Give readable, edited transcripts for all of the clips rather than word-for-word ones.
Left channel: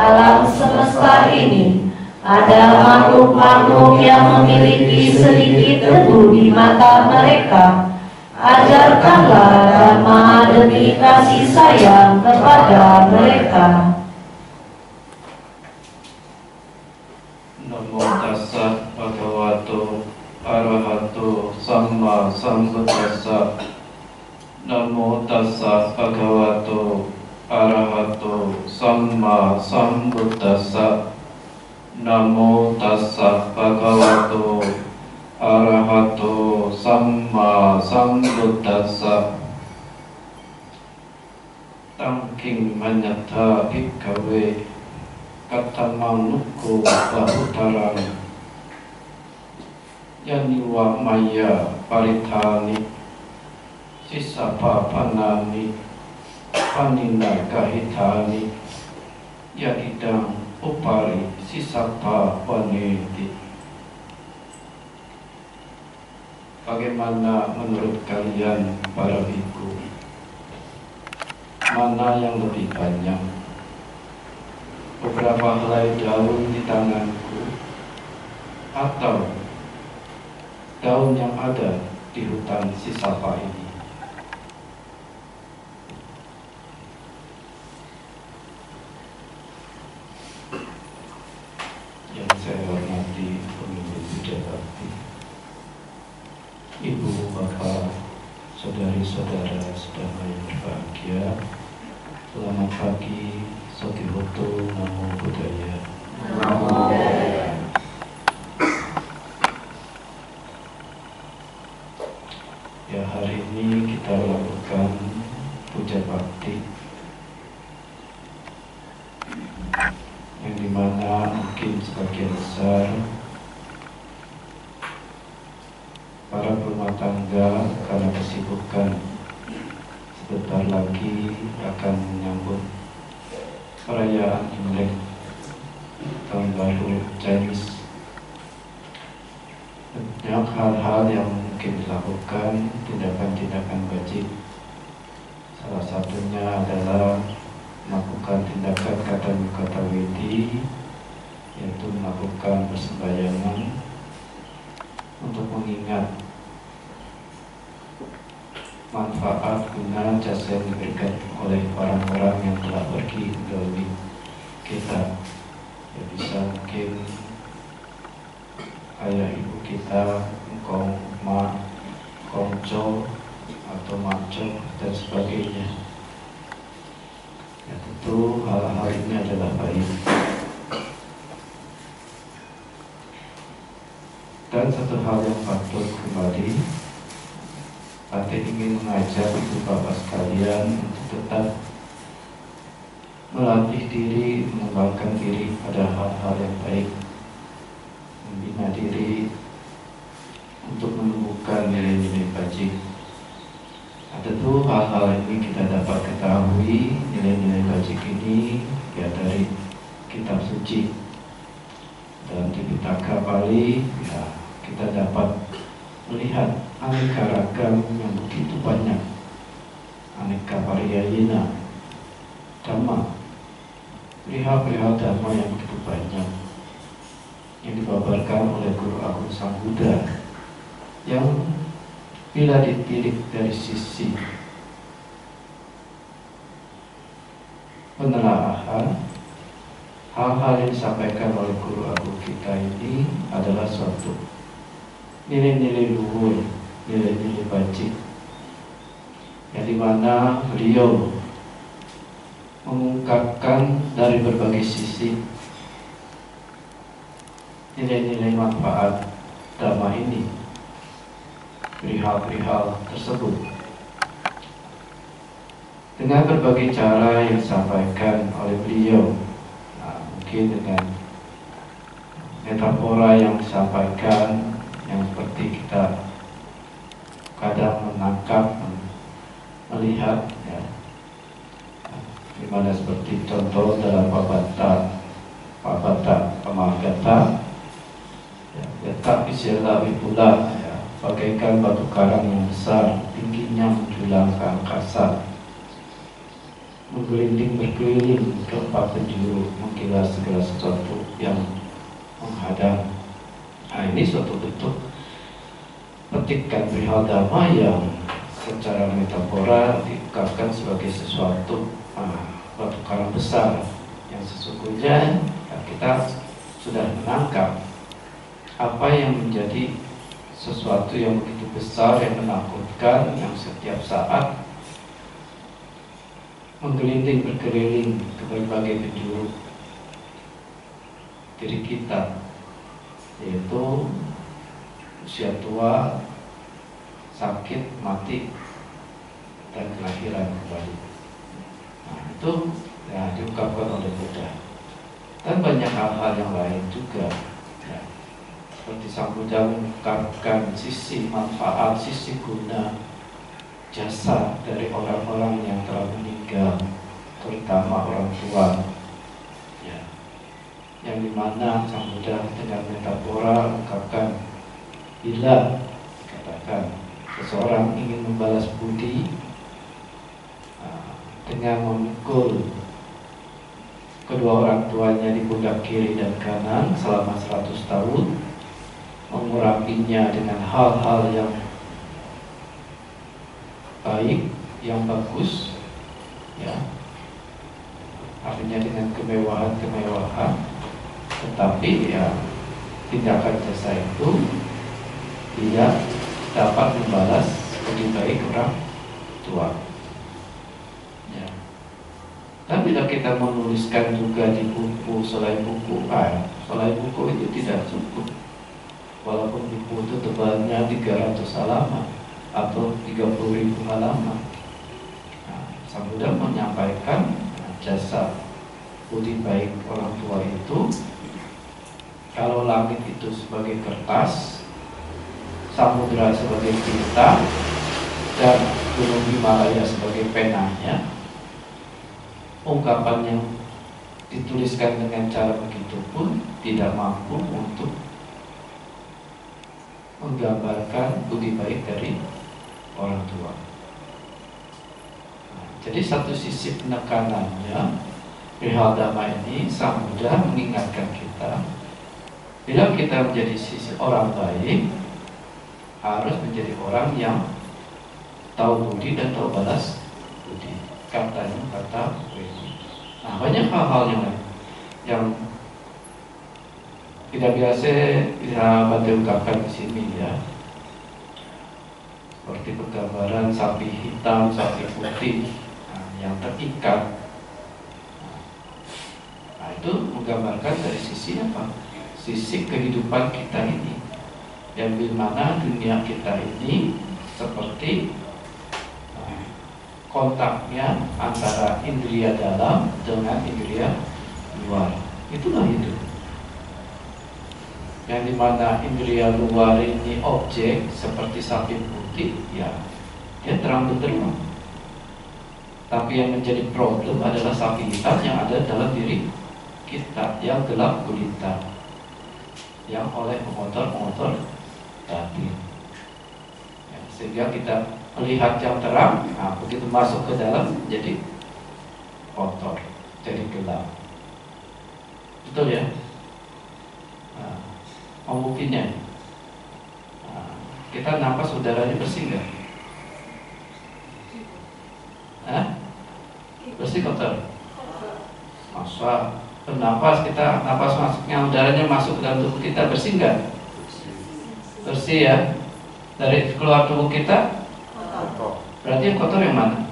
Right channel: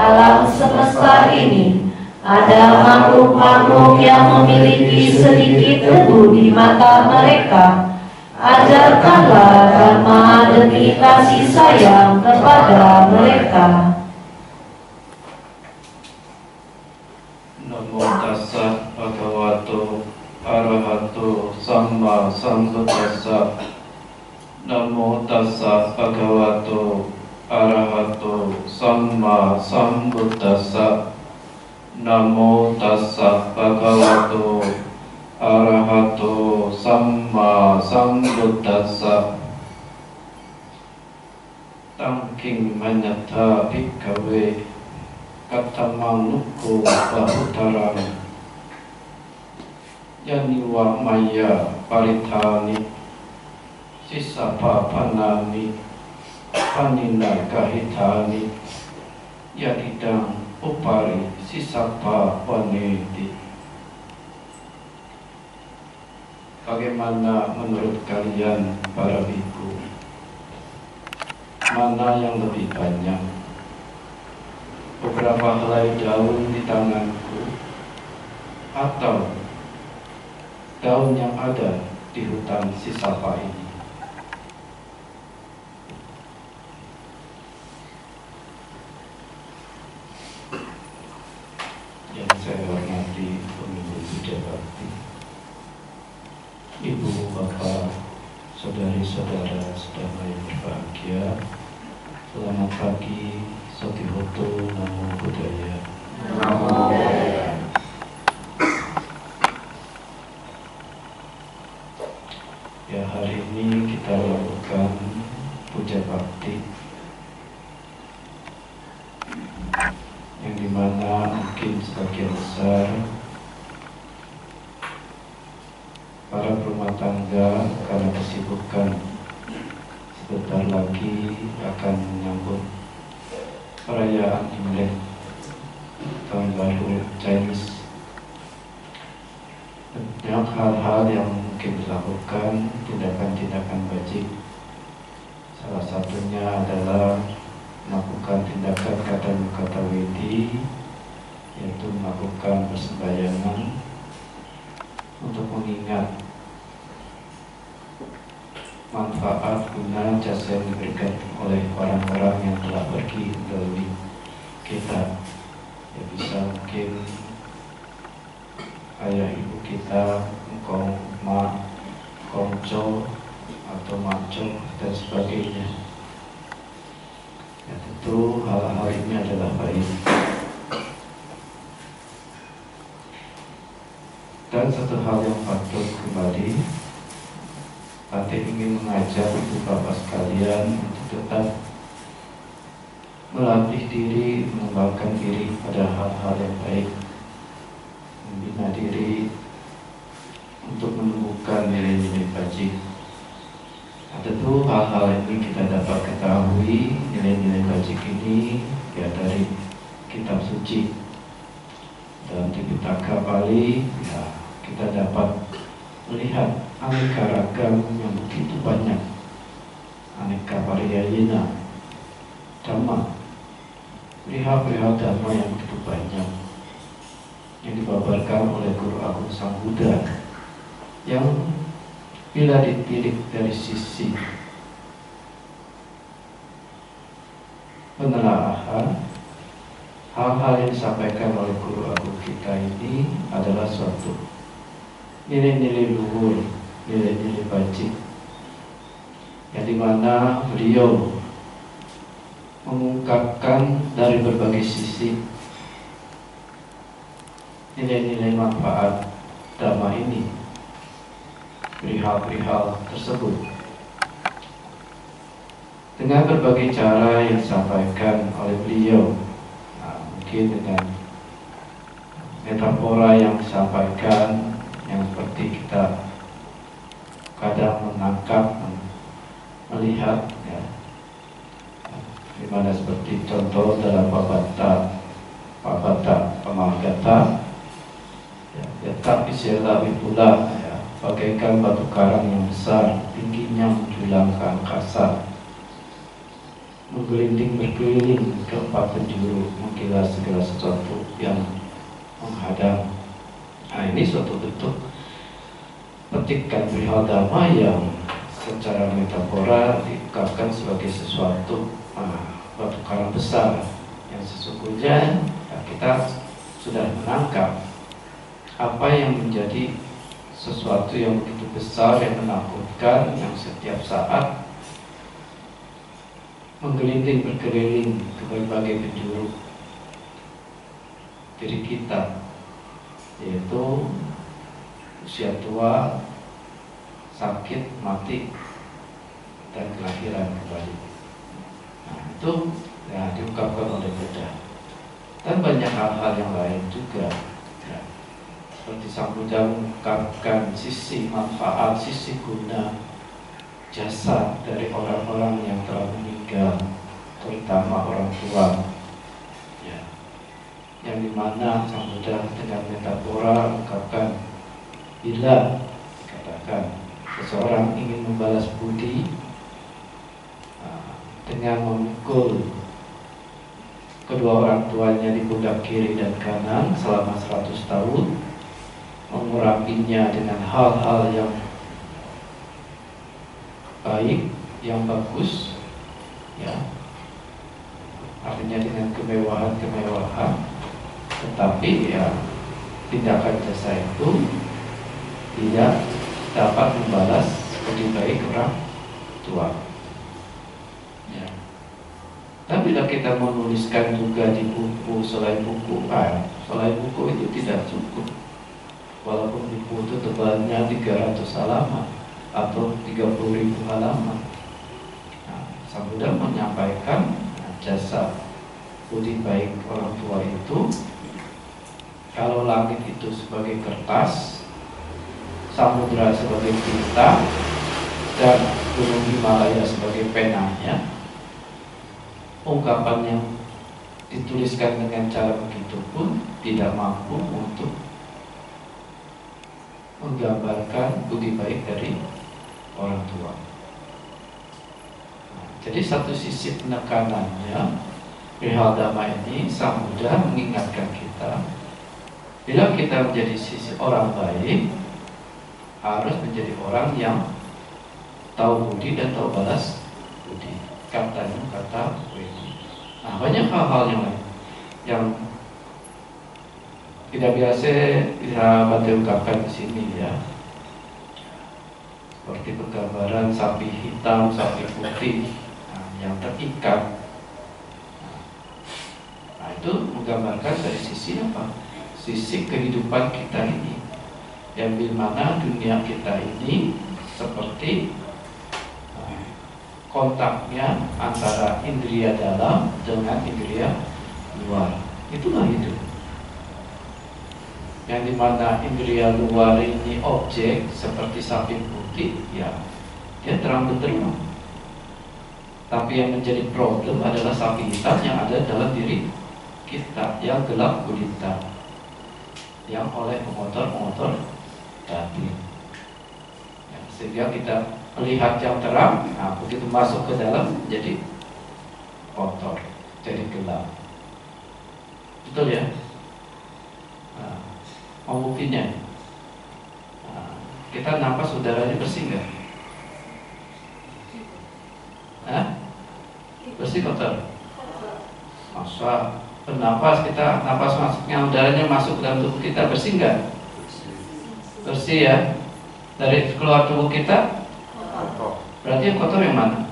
alam semesta ini ada makhluk-makhluk yang memiliki sedikit debu di mata mereka. Ajarkanlah dhamma demi kasih sayang kepada mereka. Namo tassa bhagavato arahato samma sambuddhassa. Namo tassa bhagavato arahato samma sambuddhassa. Namo tassa bhagavato arahato samma sambuddhassa. Tangking manyata bhikkhave katamang nukko bahutarang yaniwa maya paritani sisapa panani panina kahitani yadidang upari sisapa waneti. Bagaimana menurut kalian para biku? Mana yang lebih banyak? Beberapa helai daun di tanganku atau daun yang ada di hutan sisapa ini? Yang saya hormati pemimpin Buddha Bakti, Ibu, Bapak, saudari-saudara sedama yang berbahagia, selamat pagi, Sotihoto, Namo Buddhaya. Namo Buddhaya. Ya, hari ini kita lakukan puja bakti, yang dimana mungkin sebagian besar para rumah tangga karena kesibukan sebentar lagi akan menyambut perayaan Imlek, tahun baru Chinese. Banyak hal-hal yang mungkin dilakukan, tindakan-tindakan wajib. Salah satunya adalah melakukan tindakan kata widi, yaitu melakukan persembahyangan untuk mengingat manfaat guna jasa yang diberikan oleh orang-orang yang telah pergi dari kita. Ya, bisa mungkin ayah ibu kita, engkong, mak, kongco, atau maco, dan sebagainya. Ya, tentu hal-hal ini adalah baik. Dan satu hal yang patut kembali, Patin ingin mengajak ibu bapak sekalian untuk tetap melatih diri, mengembangkan diri pada hal-hal yang baik, membina diri untuk menumbuhkan nilai-nilai bajik. Tentu hal-hal ini kita dapat ketahui, nilai-nilai bajik ini ya dari kitab suci. Dalam Tipitaka Bali, ya, kita dapat melihat aneka ragam yang begitu banyak, aneka pariyayana dhamma, perihal-perihal dhamma yang begitu banyak yang dibabarkan oleh Guru Agung Sang Buddha, yang bila ditilik dari sisi penelaahan, hal-hal yang disampaikan oleh Guru Agung kita ini adalah suatu nilai-nilai luhur, nilai-nilai bajik, yang dimana beliau mengungkapkan dari berbagai sisi nilai-nilai manfaat dhamma ini, perihal-perihal tersebut, dengan berbagai cara yang disampaikan oleh beliau. Mungkin dengan metafora yang disampaikan, yang seperti kita kadang menangkap, melihat, ya, dimana seperti contoh dalam Pabata Pamagata, ya, letak Isyala Wipula, ya, bagaikan batu karang yang besar, tingginya menjulang ke angkasa, menggelinding berkeliling ke empat penjuru, menggilas segala sesuatu yang menghadang. Nah, ini suatu bentuk petikan perihal dhamma yang secara metafora diungkapkan sebagai sesuatu batu karang besar yang sesungguhnya kita sudah menangkap apa yang menjadi sesuatu yang begitu besar, yang menakutkan, yang setiap saat menggelinding berkeliling ke berbagai penjuru diri kita, yaitu usia tua, sakit, mati, dan kelahiran kembali. Nah, itu ya diungkapkan oleh Buddha. Dan banyak hal-hal yang lain juga ya. Seperti Sang Buddha mengungkapkan sisi manfaat, sisi guna jasa dari orang-orang yang telah meninggal, terutama orang tua ya. Yang dimana Sang Buddha dengan metafora mengungkapkan bila katakan seseorang ingin membalas budi dengan memukul kedua orang tuanya di pundak kiri dan kanan selama 100 tahun, mengurapinya dengan hal-hal yang baik, yang bagus ya, artinya dengan kemewahan-kemewahan, tetapi ya tindakan jasa itu tidak dapat membalas budi baik orang tua ya. Dan bila kita menuliskan juga di buku, selain buku itu tidak cukup. Walaupun buku itu tebalnya 300 halaman atau 30.000 halaman. Nah, Sang Buddha menyampaikan jasa budi baik orang tua itu, kalau langit itu sebagai kertas, samudra sebagai tinta, dan gunung Himalaya sebagai penanya, ungkapan yang dituliskan dengan cara begitu pun tidak mampu untuk menggambarkan budi baik dari orang tua. Nah, jadi satu sisi penekanannya perihal dhamma ini, Sang Buddha mengingatkan kita, bila kita menjadi sisi orang baik, harus menjadi orang yang tahu budi dan tahu balas budi. Katanya kata Wedi. Nah, banyak hal-hal yang lain yang tidak biasa bisa Bante ungkapkan di sini ya. Seperti penggambaran sapi hitam, sapi putih yang terikat. Nah, itu menggambarkan dari sisi apa? Sisi kehidupan kita ini, yang dimana dunia kita ini seperti kontaknya antara indria dalam dengan indria luar. Itulah hidup. Yang dimana indria luar ini objek seperti sapi putih, ya dia terang benderang. Tapi yang menjadi problem adalah sapi hitam yang ada dalam diri kita, yang gelap gulita, yang oleh pengotor-pengotor batin. Ya, sehingga kita melihat yang terang, nah begitu masuk ke dalam jadi kotor, jadi gelap. Betul ya? Nah, mau buktinya? Nah, kita nafas udaranya bersih nggak? Hah? Bersih kotor? Masa bernafas kita, nafas masuknya udaranya masuk ke dalam tubuh kita, bersih nggak? Bersih ya. Dari keluar tubuh kita, berarti yang kotor yang mana?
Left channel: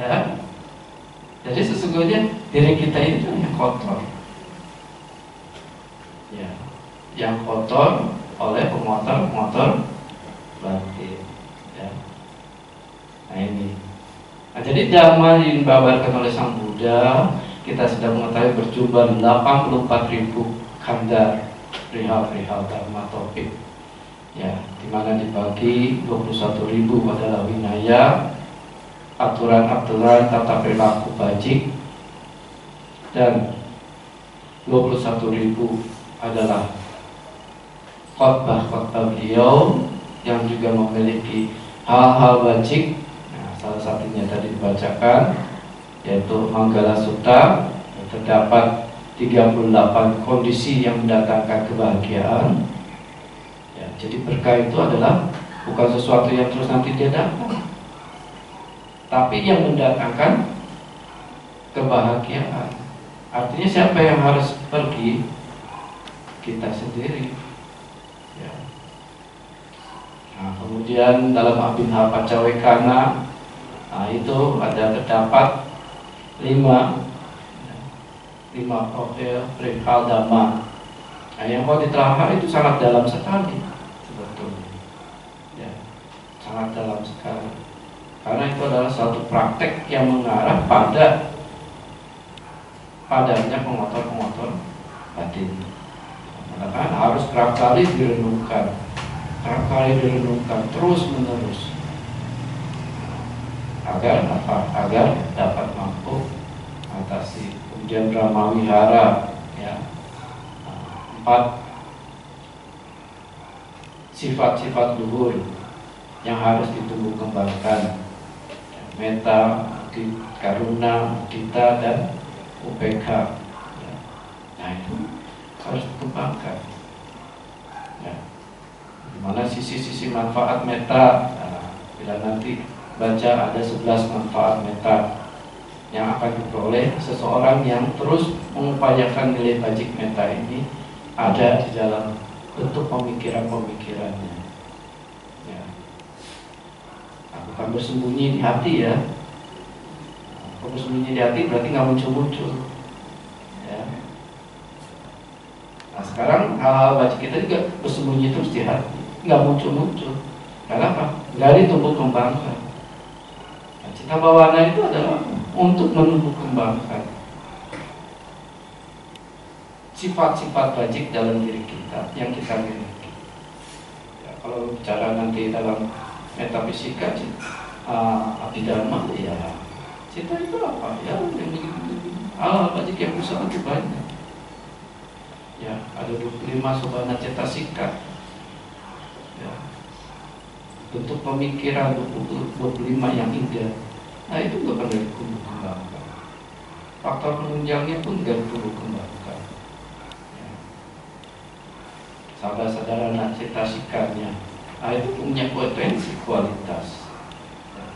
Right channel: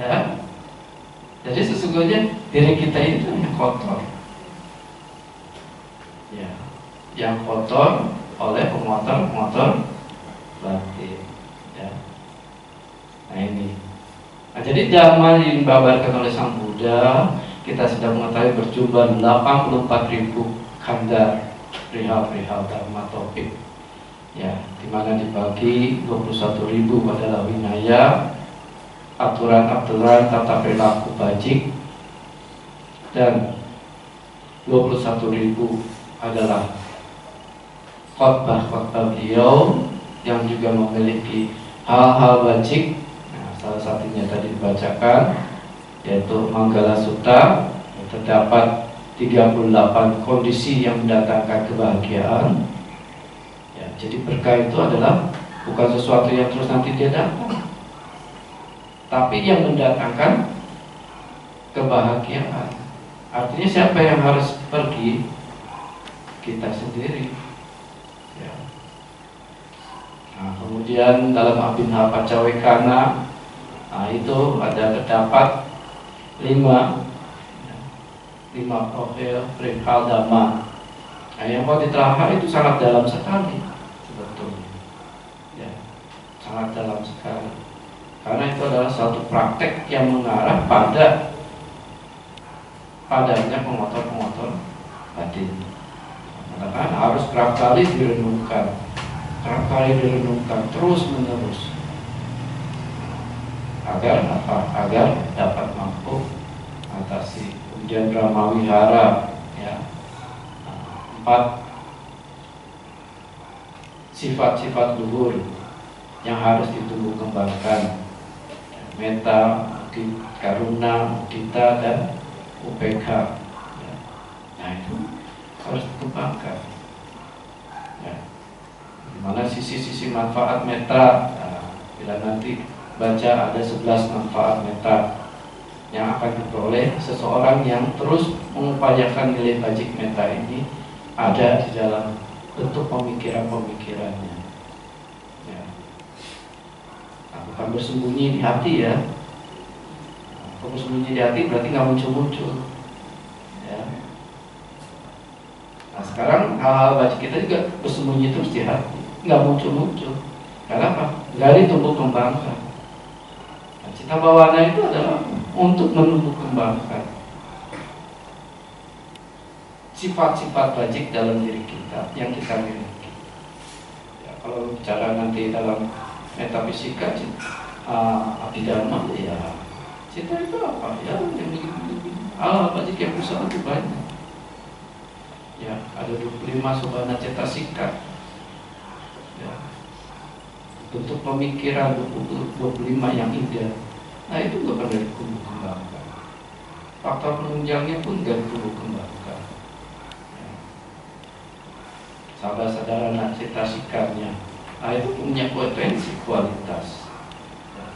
Ya. Jadi sesungguhnya diri kita itu yang kotor. Ya. Yang kotor oleh pengotor-pengotor batin. Ya. Nah ini. Nah, jadi dhamma yang dibabarkan oleh Sang Buddha, kita sudah mengetahui berjumlah 84.000 kanda perihal dhamma topik. Ya, dimana dibagi 21.000 adalah winaya, aturan-aturan tata perilaku bajik, dan 21.000 adalah khotbah-khotbah beliau yang juga memiliki hal-hal bajik salah satunya tadi dibacakan, yaitu Manggala Sutta. Terdapat 38 kondisi yang mendatangkan kebahagiaan. Ya, jadi berkah itu adalah bukan sesuatu yang terus nanti dia dapat, tapi yang mendatangkan kebahagiaan. Artinya siapa yang harus pergi? Kita sendiri. Ya. Nah, kemudian dalam Abhinava Pacawekana, itu ada terdapat 5 profil perihal dhamma. Nah, yang kalau diterangkan itu sangat dalam sekali sebetulnya. Ya, sangat dalam sekali. Karena itu adalah suatu praktek yang mengarah padanya pengotor-pengotor batin. Maka harus kerap kali direnungkan, terus menerus, agar apa? Agar dapat mampu atasi. Kemudian Brahma Wihara, ya, 4 sifat-sifat luhur yang harus ditumbuh kembangkan: metta, karuna, mudita, dan upekha. Ya. Nah, itu harus dikembangkan. Ya. Dimana sisi-sisi manfaat metta, bila nanti baca ada 11 manfaat metta yang akan diperoleh seseorang yang terus mengupayakan nilai bajik metta ini ada di dalam bentuk pemikiran-pemikirannya. Ya. Nah, bukan bersembunyi di hati, ya. Kalau bersembunyi di hati berarti nggak muncul-muncul. Ya. Nah, sekarang hal-hal bajik kita juga bersembunyi terus di hati, nggak muncul-muncul. Karena apa? Nggak ditumbuh kembangkan. Nah, cita bawana itu adalah untuk menumbuh kembangkan sifat-sifat bajik dalam diri kita yang kita miliki. Ya, kalau bicara nanti dalam metafisika, abhidhamma, ya cita itu apa? Ya, hal bajik yang besar itu banyak. Ya, ada 25 sobana cetasika. Ya, bentuk pemikiran 25 yang indah. Nah, itu nggak pernah ditumbuh kembangkan. Faktor penunjangnya pun nggak ditumbuh kembangkan. Ya. Sadara cetasikanya, nah, itu punya potensi kualitas. Ya.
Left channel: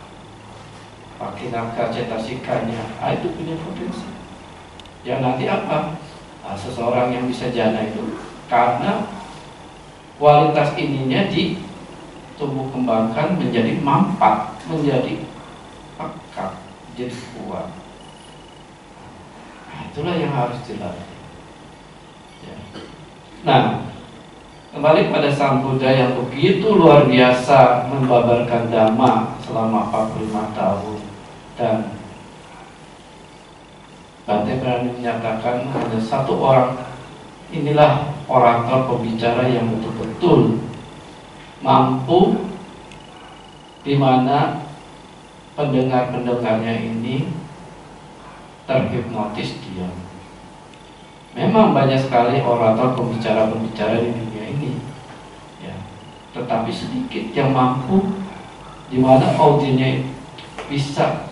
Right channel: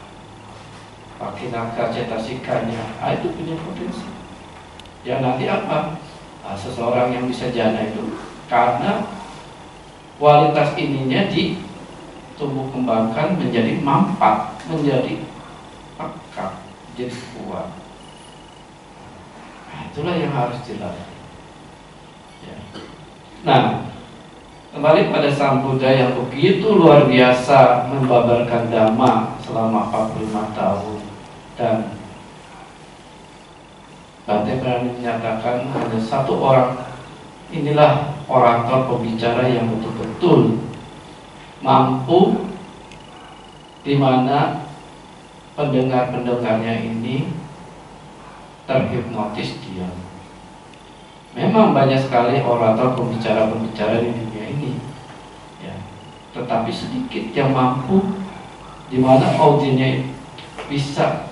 Pakinaka cetasikanya, nah, itu punya potensi. Ya, nanti apa? Nah, seseorang yang bisa jana itu karena kualitas ininya ditumbuh kembangkan menjadi mampat, menjadi pekat, jadi kuat. Nah, itulah yang harus dilatih. Ya. Nah, kembali pada Sang Buddha yang begitu luar biasa membabarkan dhamma selama 45 tahun, dan Bante berani menyatakan ada satu orang, inilah orator pembicara yang betul-betul mampu, di mana pendengar-pendengarnya ini terhipnotis dia. Memang banyak sekali orator pembicara-pembicara di dunia ini, ya, tetapi sedikit yang mampu, di mana audiennya bisa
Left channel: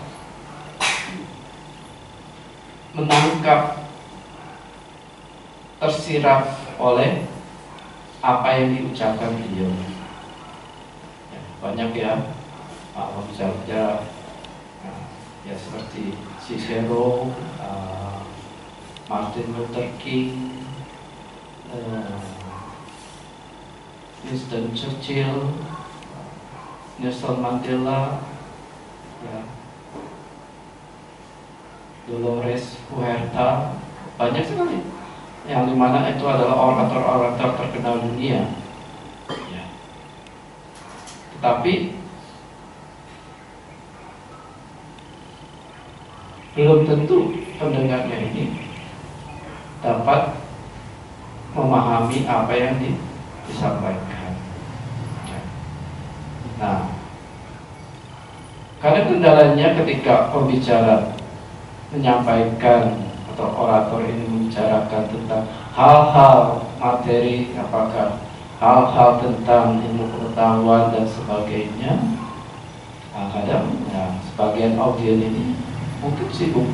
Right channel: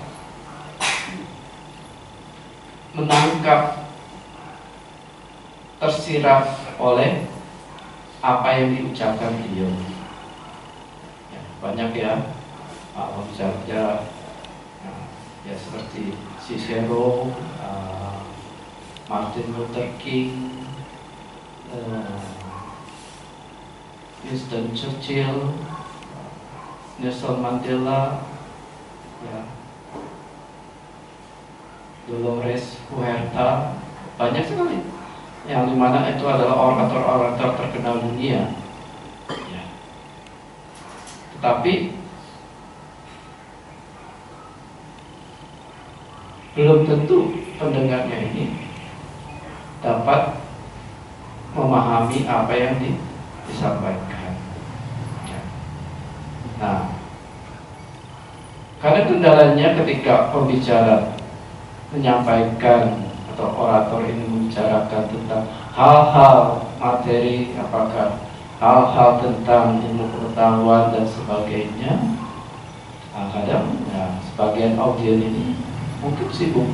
menangkap, tersirap oleh apa yang diucapkan beliau. Ya, banyak ya. Misalnya ya seperti Cicero, Martin Luther King, Winston Churchill, Nelson Mandela, ya, Dolores Huerta, banyak sekali yang dimana itu adalah orator-orator terkenal dunia. Ya. Tetapi belum tentu pendengarnya ini dapat memahami apa yang disampaikan. Nah, karena kendalanya ketika pembicara menyampaikan atau orator ini membicarakan tentang hal-hal materi, apakah hal-hal tentang ilmu pengetahuan dan sebagainya, kadang ya, sebagian audien ini mungkin sibuk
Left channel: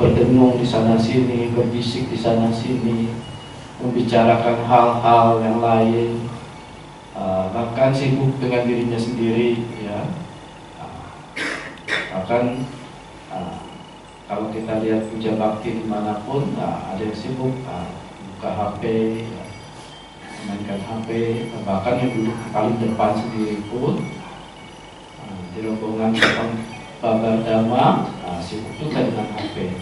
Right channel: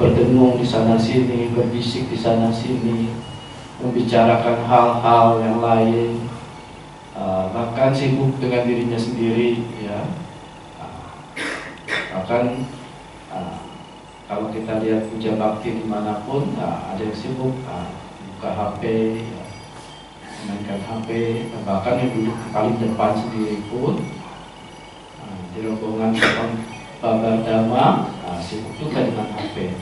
berdengung di sana sini, berbisik di sana sini, membicarakan hal-hal yang lain, bahkan sibuk dengan dirinya sendiri, ya. Bahkan kalau kita lihat puja bakti dimanapun, ada yang sibuk buka HP, ya, mainkan HP, bahkan yang duduk paling depan sendiri pun di rombongan Babar Dhamma sibuk juga dengan HP.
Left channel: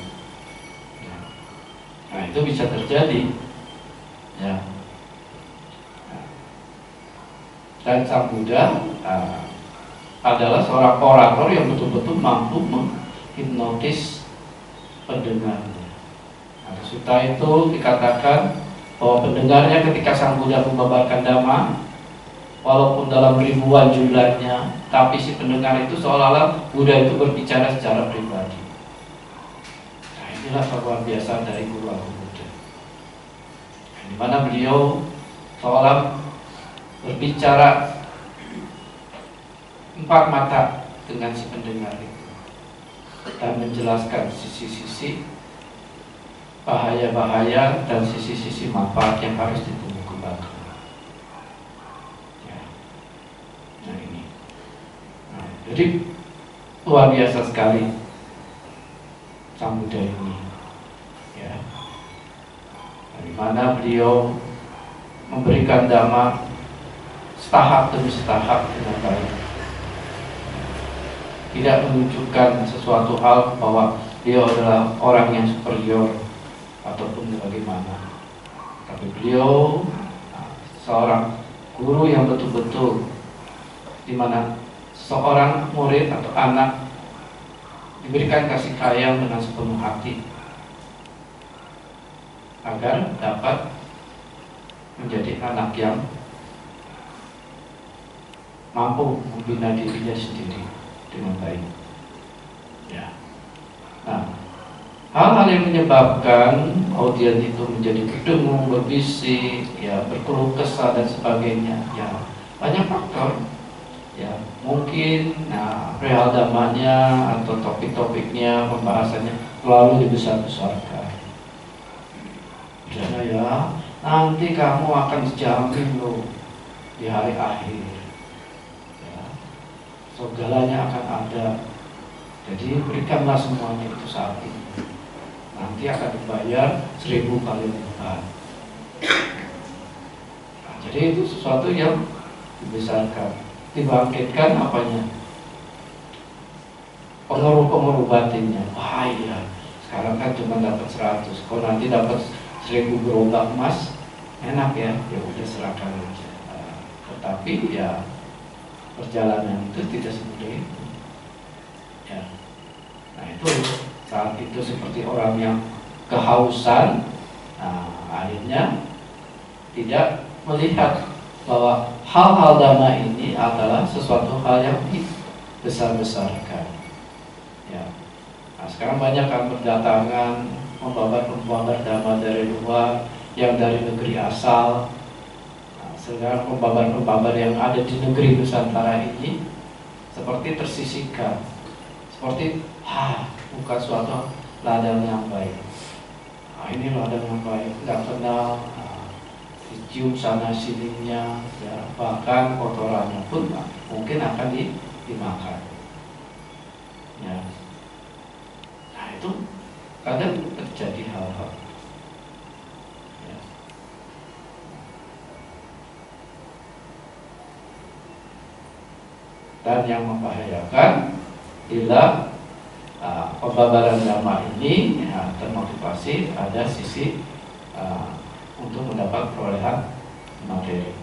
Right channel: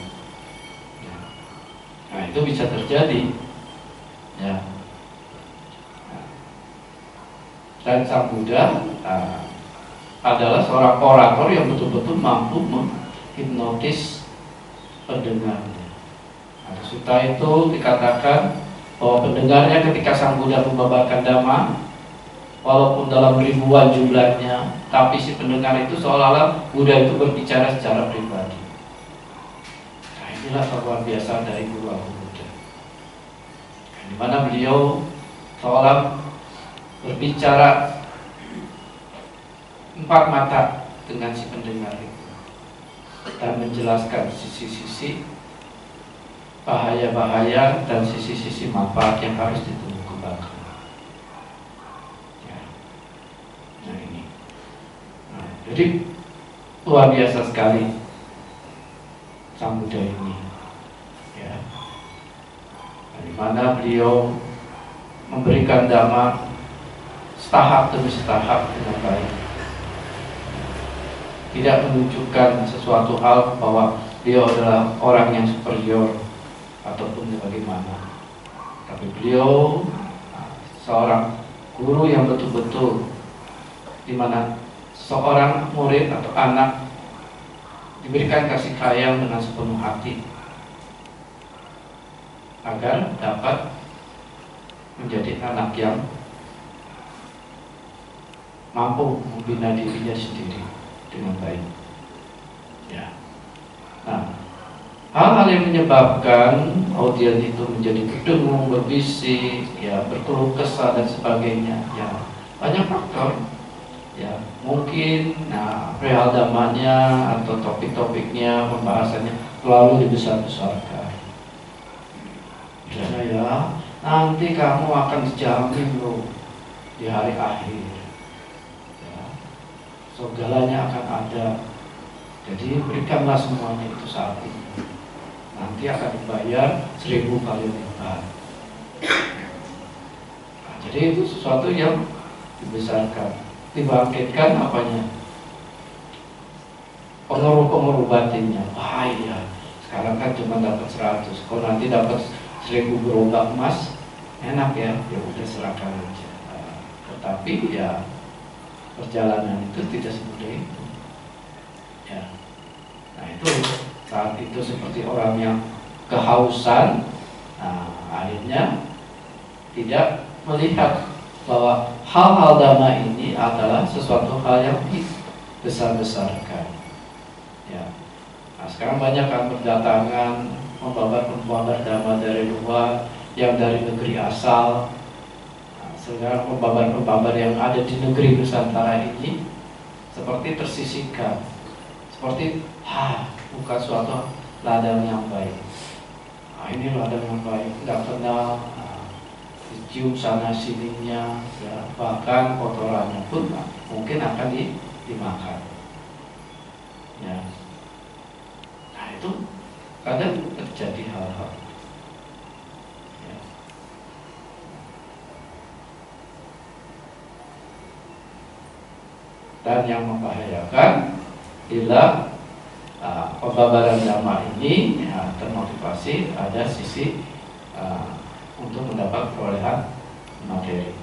Nah, itu bisa terjadi, ya. Dan Sang Buddha adalah seorang orator yang betul-betul mampu menghipnotis pendengarnya. Nah, di sutta itu dikatakan bahwa pendengarnya ketika Sang Buddha membabarkan Dhamma, walaupun dalam ribuan jumlahnya, tapi si pendengar itu seolah-olah Buddha itu berbicara secara pribadi. Nah, inilah luar biasa dari Guru Agung Buddha, di mana beliau seolah berbicara empat mata dengan si pendengar itu dan menjelaskan sisi-sisi bahaya-bahaya dan sisi-sisi manfaat yang harus ditumbuh kembangkan. Ya. Nah ini, jadi luar biasa sekali Sang Buddha ini, ya. Di mana beliau memberikan Dhamma setahap demi setahap dengan baik, tidak menunjukkan sesuatu hal bahwa beliau adalah orang yang superior ataupun bagaimana, tapi beliau seorang guru yang betul-betul, di mana seorang murid atau anak diberikan kasih sayang dengan sepenuh hati agar dapat menjadi anak yang mampu membina dirinya sendiri dengan baik. Ya. Nah, hal-hal yang menyebabkan audien itu menjadi berdengung, berbisik, ya, berkeluh kesah dan sebagainya, ya, banyak faktor. Ya, mungkin perihal damanya atau topik-topiknya, pembahasannya terlalu dibesar-besarkan. Karena ya, nanti kamu akan dijamin loh di hari akhir. Ya, segalanya akan ada. Jadi berikanlah semuanya itu saat ini. Nanti akan dibayar 1000 kali lipat. Nah, jadi itu sesuatu yang dibesarkan, dibangkitkan apanya? Pengaruh-pengaruh batinnya. Bahaya. Sekarang kan cuma dapat 100. Kalau nanti dapat 1000 gerobak emas, enak ya. Ya udah serahkan aja. Tetapi ya perjalanan itu tidak semudah itu. Ya. Nah itu saat itu seperti orang yang kehausan, akhirnya tidak melihat bahwa hal-hal Dhamma ini adalah sesuatu hal yang dibesar-besarkan. Ya. Nah, sekarang banyak kan berdatangan pembabar-pembabar Dhamma dari luar, yang dari negeri asal. Nah, sekarang pembabar-pembabar yang ada di negeri Nusantara ini seperti tersisihkan, seperti bukan suatu ladang yang baik. Nah, ini ladang yang baik, nggak kenal, dicium sana sininya, ya, bahkan kotorannya pun mungkin akan dimakan. Ya. Nah itu kadang terjadi hal-hal. Ya. Dan yang membahayakan bila pembabaran Dhamma ini termotivasi ada sisi untuk mendapat perolehan materi.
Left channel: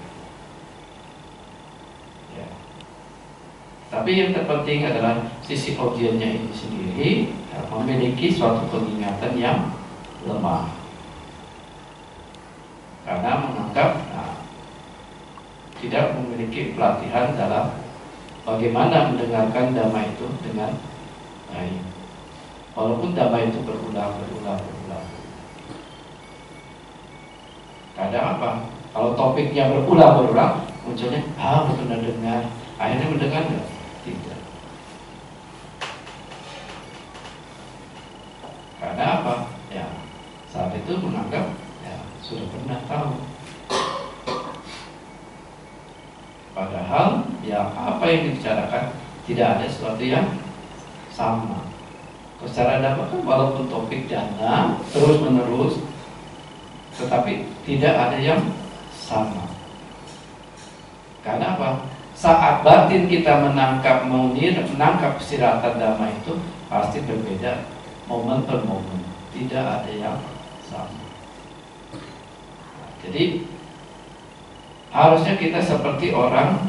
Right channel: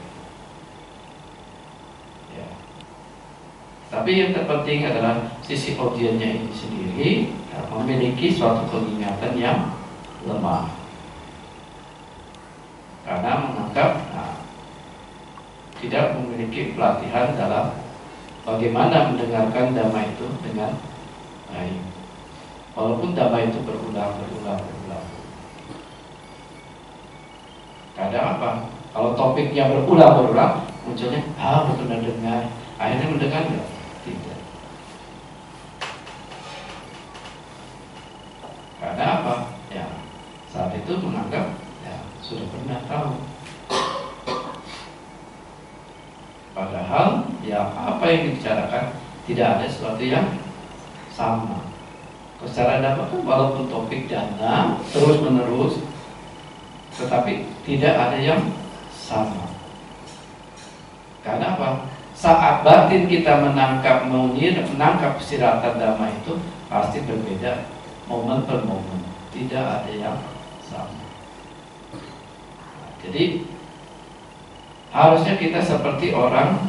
Ya. Tapi yang terpenting adalah sisi audiennya ini sendiri memiliki suatu pengingatan yang lemah, karena menganggap tidak memiliki pelatihan dalam bagaimana mendengarkan Dhamma itu dengan baik. Walaupun Dhamma itu berulang. Kadang apa? Kalau topiknya berulang, munculnya, benar dengar. Akhirnya mendengar enggak? Tidak. itu menganggap ya sudah pernah tahu. Padahal ya apa yang dibicarakan tidak ada sesuatu yang sama. Secara dapat kan walaupun topik dana terus menerus, tetapi tidak ada yang sama. Karena apa? Saat batin kita menangkap siratan dhamma itu pasti berbeda momen per momen, tidak ada yang sama. Nah, jadi harusnya kita seperti orang,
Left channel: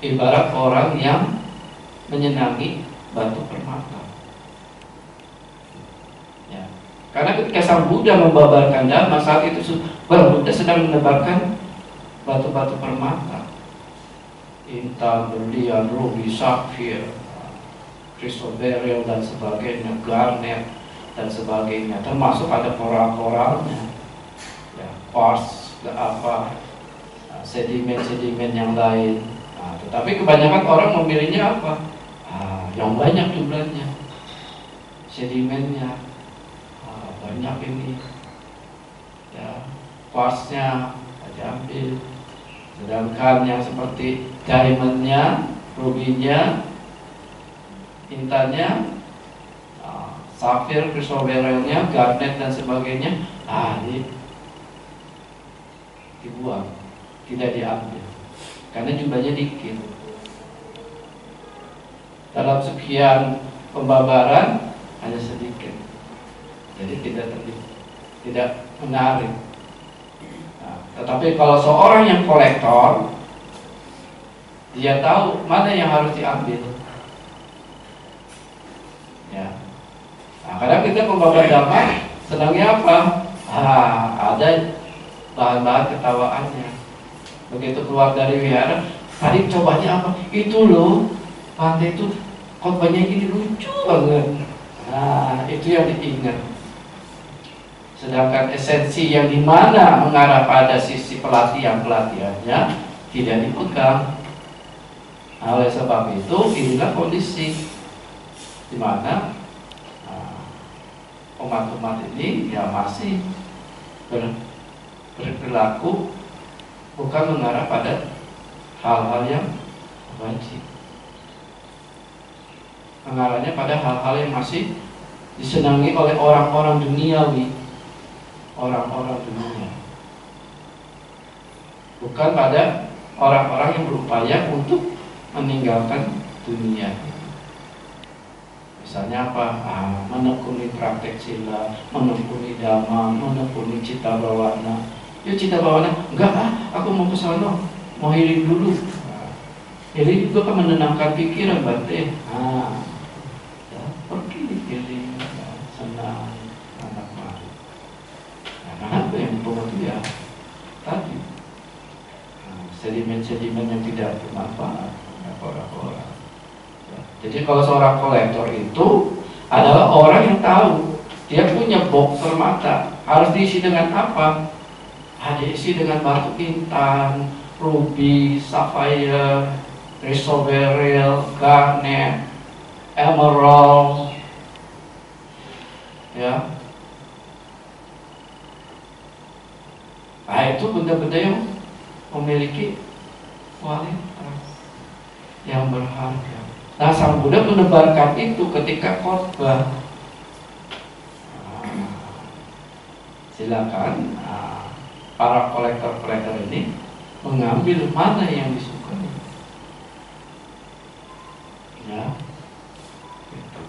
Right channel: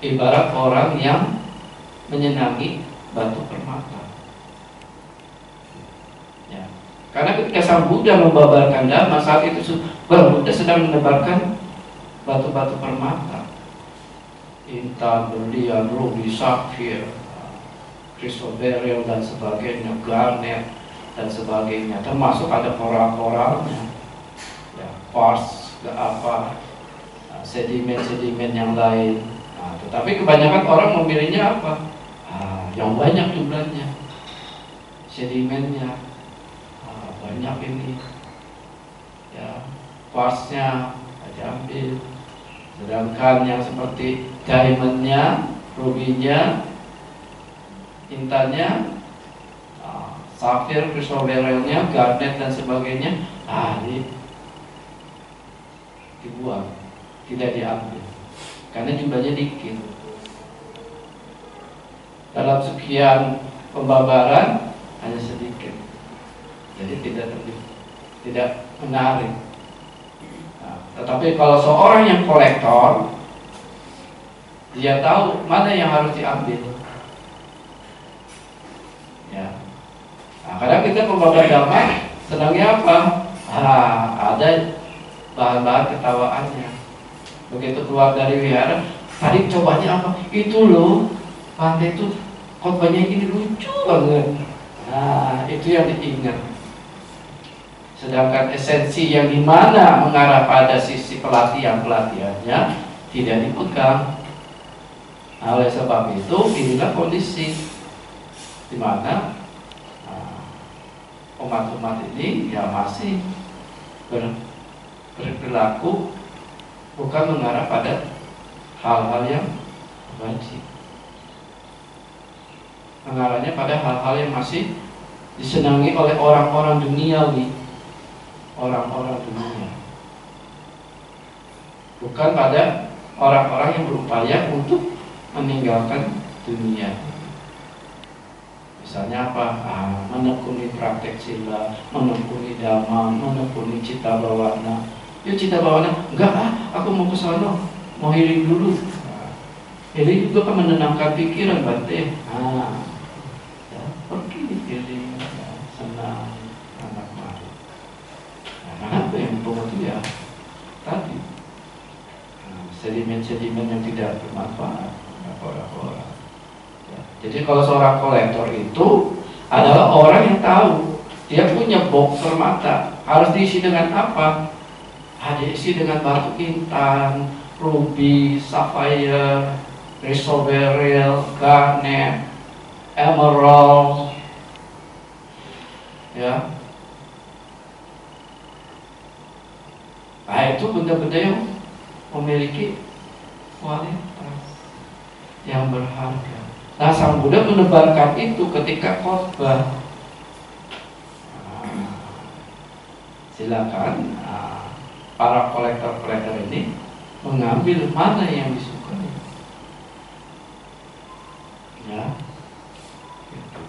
ibarat orang yang menyenangi batu permata. Ya. Karena ketika Sang Buddha membabarkan dhamma, saat itu Buddha sedang menebarkan batu-batu permata, intan, berlian, rubi, safir, chrysoberyl dan sebagainya, garnet dan sebagainya, termasuk ada koral-koralnya, ya, quartz, sedimen-sedimen yang lain. Nah, tetapi kebanyakan orang memilihnya apa? Yang banyak jumlahnya, sedimennya banyak ini, ya, quartznya diambil. Sedangkan yang seperti diamondnya, rubinya, intannya, safir, chrysoberylnya, garnet dan sebagainya, dibuang, tidak diambil, karena jumlahnya dikit. Dalam sekian pembabaran hanya sedikit, jadi tidak menarik. Tetapi kalau seorang yang kolektor, dia tahu mana yang harus diambil. Ya. Nah, kadang kita pembabar dhamma senangnya apa? Ada bahan-bahan ketawaannya. Begitu keluar dari wihara, tadi cobanya apa? Itu loh, pantai itu khotbahnya ini lucu banget. Nah, itu yang diingat. Sedangkan esensi yang dimana mengarah pada sisi pelatihannya tidak dipegang. Nah, oleh sebab itu inilah kondisi di mana umat-umat ini ya masih berperilaku bukan mengarah pada hal-hal yang wajib, mengarahnya pada hal-hal yang masih disenangi oleh orang-orang duniawi, orang-orang dunia, bukan pada orang-orang yang berupaya untuk meninggalkan dunia. Misalnya apa? Menekuni praktek sila, menekuni dhamma, menekuni cita bawana. Ya cita bawana, enggak aku mau ke sana, mau healing dulu. Healing juga kan menenangkan pikiran, Bante. Ya, pergi healing, ya, senang, anak mari. Kenapa yang mempengaruhi ya? Tadi sedimen-sedimen yang tidak bermanfaat, orang-orang. Ya. Jadi kalau seorang kolektor itu adalah orang yang tahu dia punya box permata harus diisi dengan apa? Diisi dengan batu intan, ruby, sapphire, chrysoberyl, garnet, emerald, ya. Nah, itu benda-benda yang memiliki kualitas yang berharga. Nah, Sang Buddha menebarkan itu ketika khotbah. Silakan para kolektor-kolektor ini mengambil mana yang disukai. Ya, gitu.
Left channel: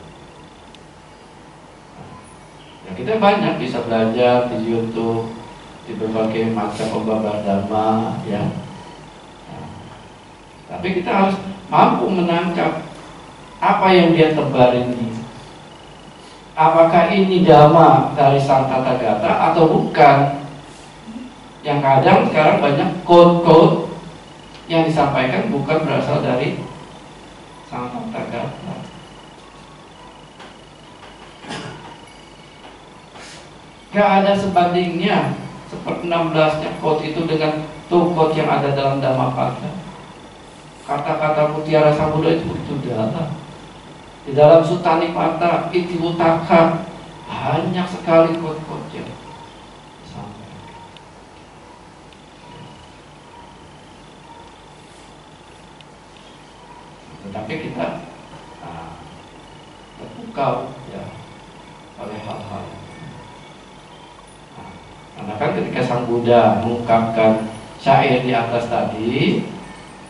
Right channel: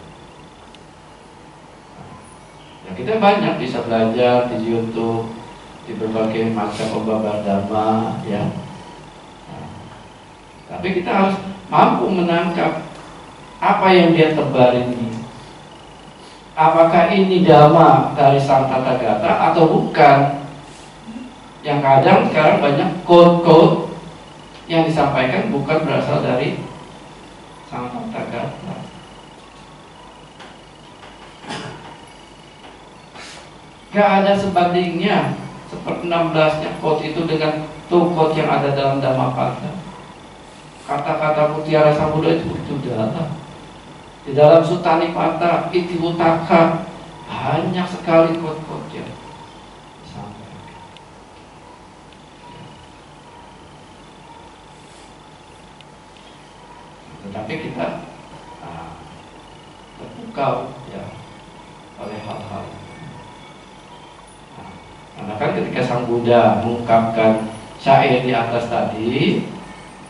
Ya, kita banyak bisa belajar di YouTube, di berbagai macam pembabar dhamma, ya. Tapi kita harus mampu menangkap apa yang dia tebar ini. Apakah ini dhamma dari Sang Tathagata atau bukan? Yang kadang sekarang banyak quote-quote yang disampaikan bukan berasal dari Sang Tathagata. Gak ada sebandingnya. Seperti 16-nya quote itu dengan quote yang ada dalam Dhammapada. Kata-kata mutiara Sang Buddha itu dalam. Di dalam Sutta Nipata, Iti Utaka, banyak sekali quote-quote yang disampaikan. Tetapi kita terpukau ya oleh hal-hal. Karena kan ketika Sang Buddha mengungkapkan syair di atas tadi,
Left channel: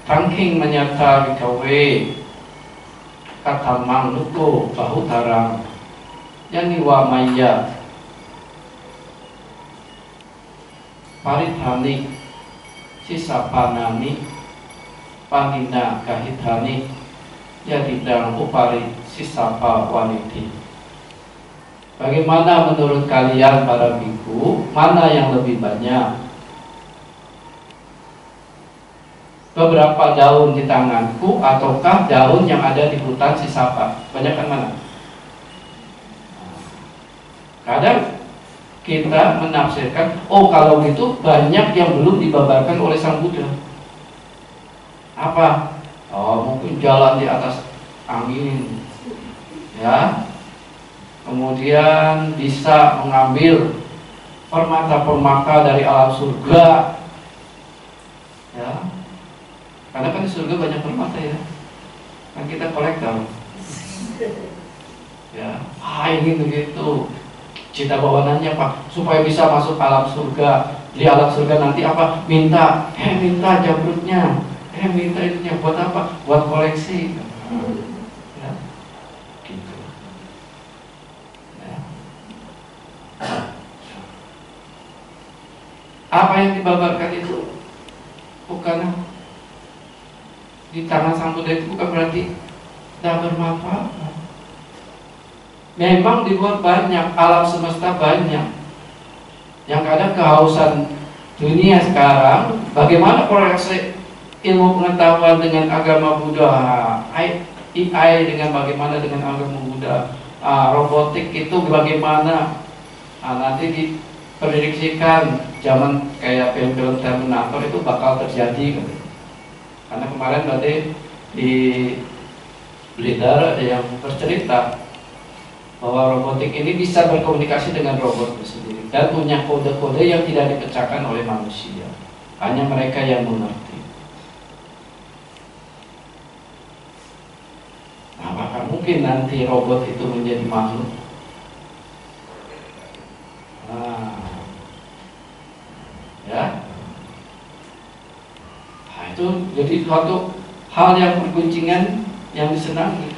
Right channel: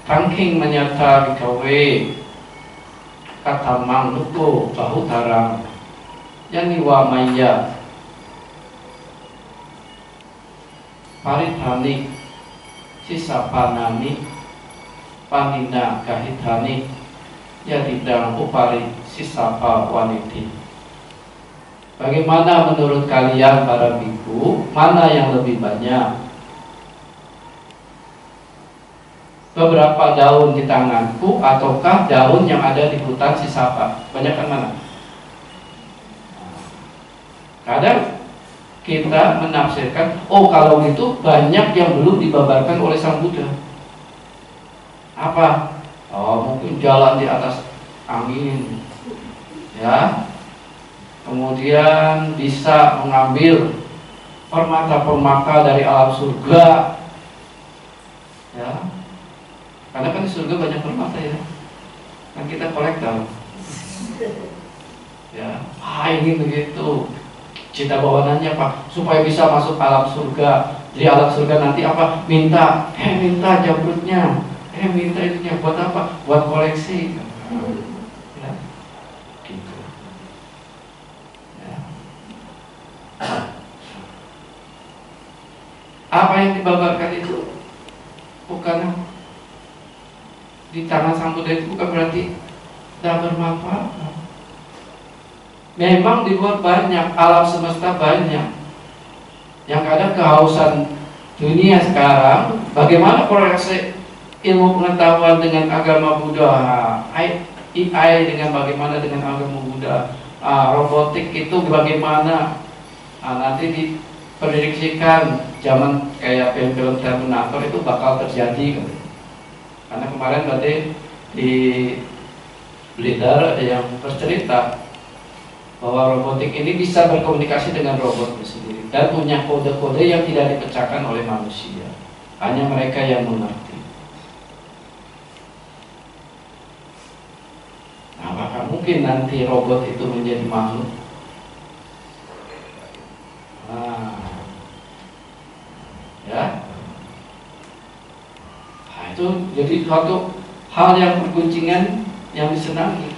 Tangking menyata bikawe katamang luko bahutarang yaniwa maya paritani sisapanani panina kahitani yadidang upari sisapa waniti. Bagaimana menurut kalian para biku, mana yang lebih banyak? Beberapa daun di tanganku ataukah daun yang ada di hutan sisapa? Banyakkan mana? Kadang kita menafsirkan, oh kalau gitu banyak yang belum dibabarkan oleh Sang Buddha. Apa? Oh mungkin jalan di atas angin, ya. Kemudian bisa mengambil permata-permata dari alam surga, ya. Karena kan di surga banyak permata ya. Kan kita kolektor. Ya, ini begitu. Cita bawaannya apa? Supaya bisa masuk alam surga. Di alam surga nanti apa? Minta jamrutnya. Minta itunya buat apa? Buat koleksi. Ya. Gitu. Ya. Apa yang dibabarkan itu bukan di tangan Sang Buddha, itu bukan berarti tidak bermanfaat. Memang di luar banyak, alam semesta banyak. Yang kadang kehausan dunia sekarang, bagaimana koreksi ilmu pengetahuan dengan agama Buddha, AI dengan bagaimana dengan agama Buddha, robotik itu bagaimana, nanti diprediksikan zaman kayak film-film Terminator itu bakal terjadi. Karena kemarin berarti di Blitar ada yang bercerita bahwa robotik ini bisa berkomunikasi dengan robot sendiri dan punya kode-kode yang tidak dipecahkan oleh manusia, hanya mereka yang mengerti. Nah, apakah mungkin nanti robot itu menjadi makhluk? Ya. Itu jadi suatu hal yang berguncingan yang disenangi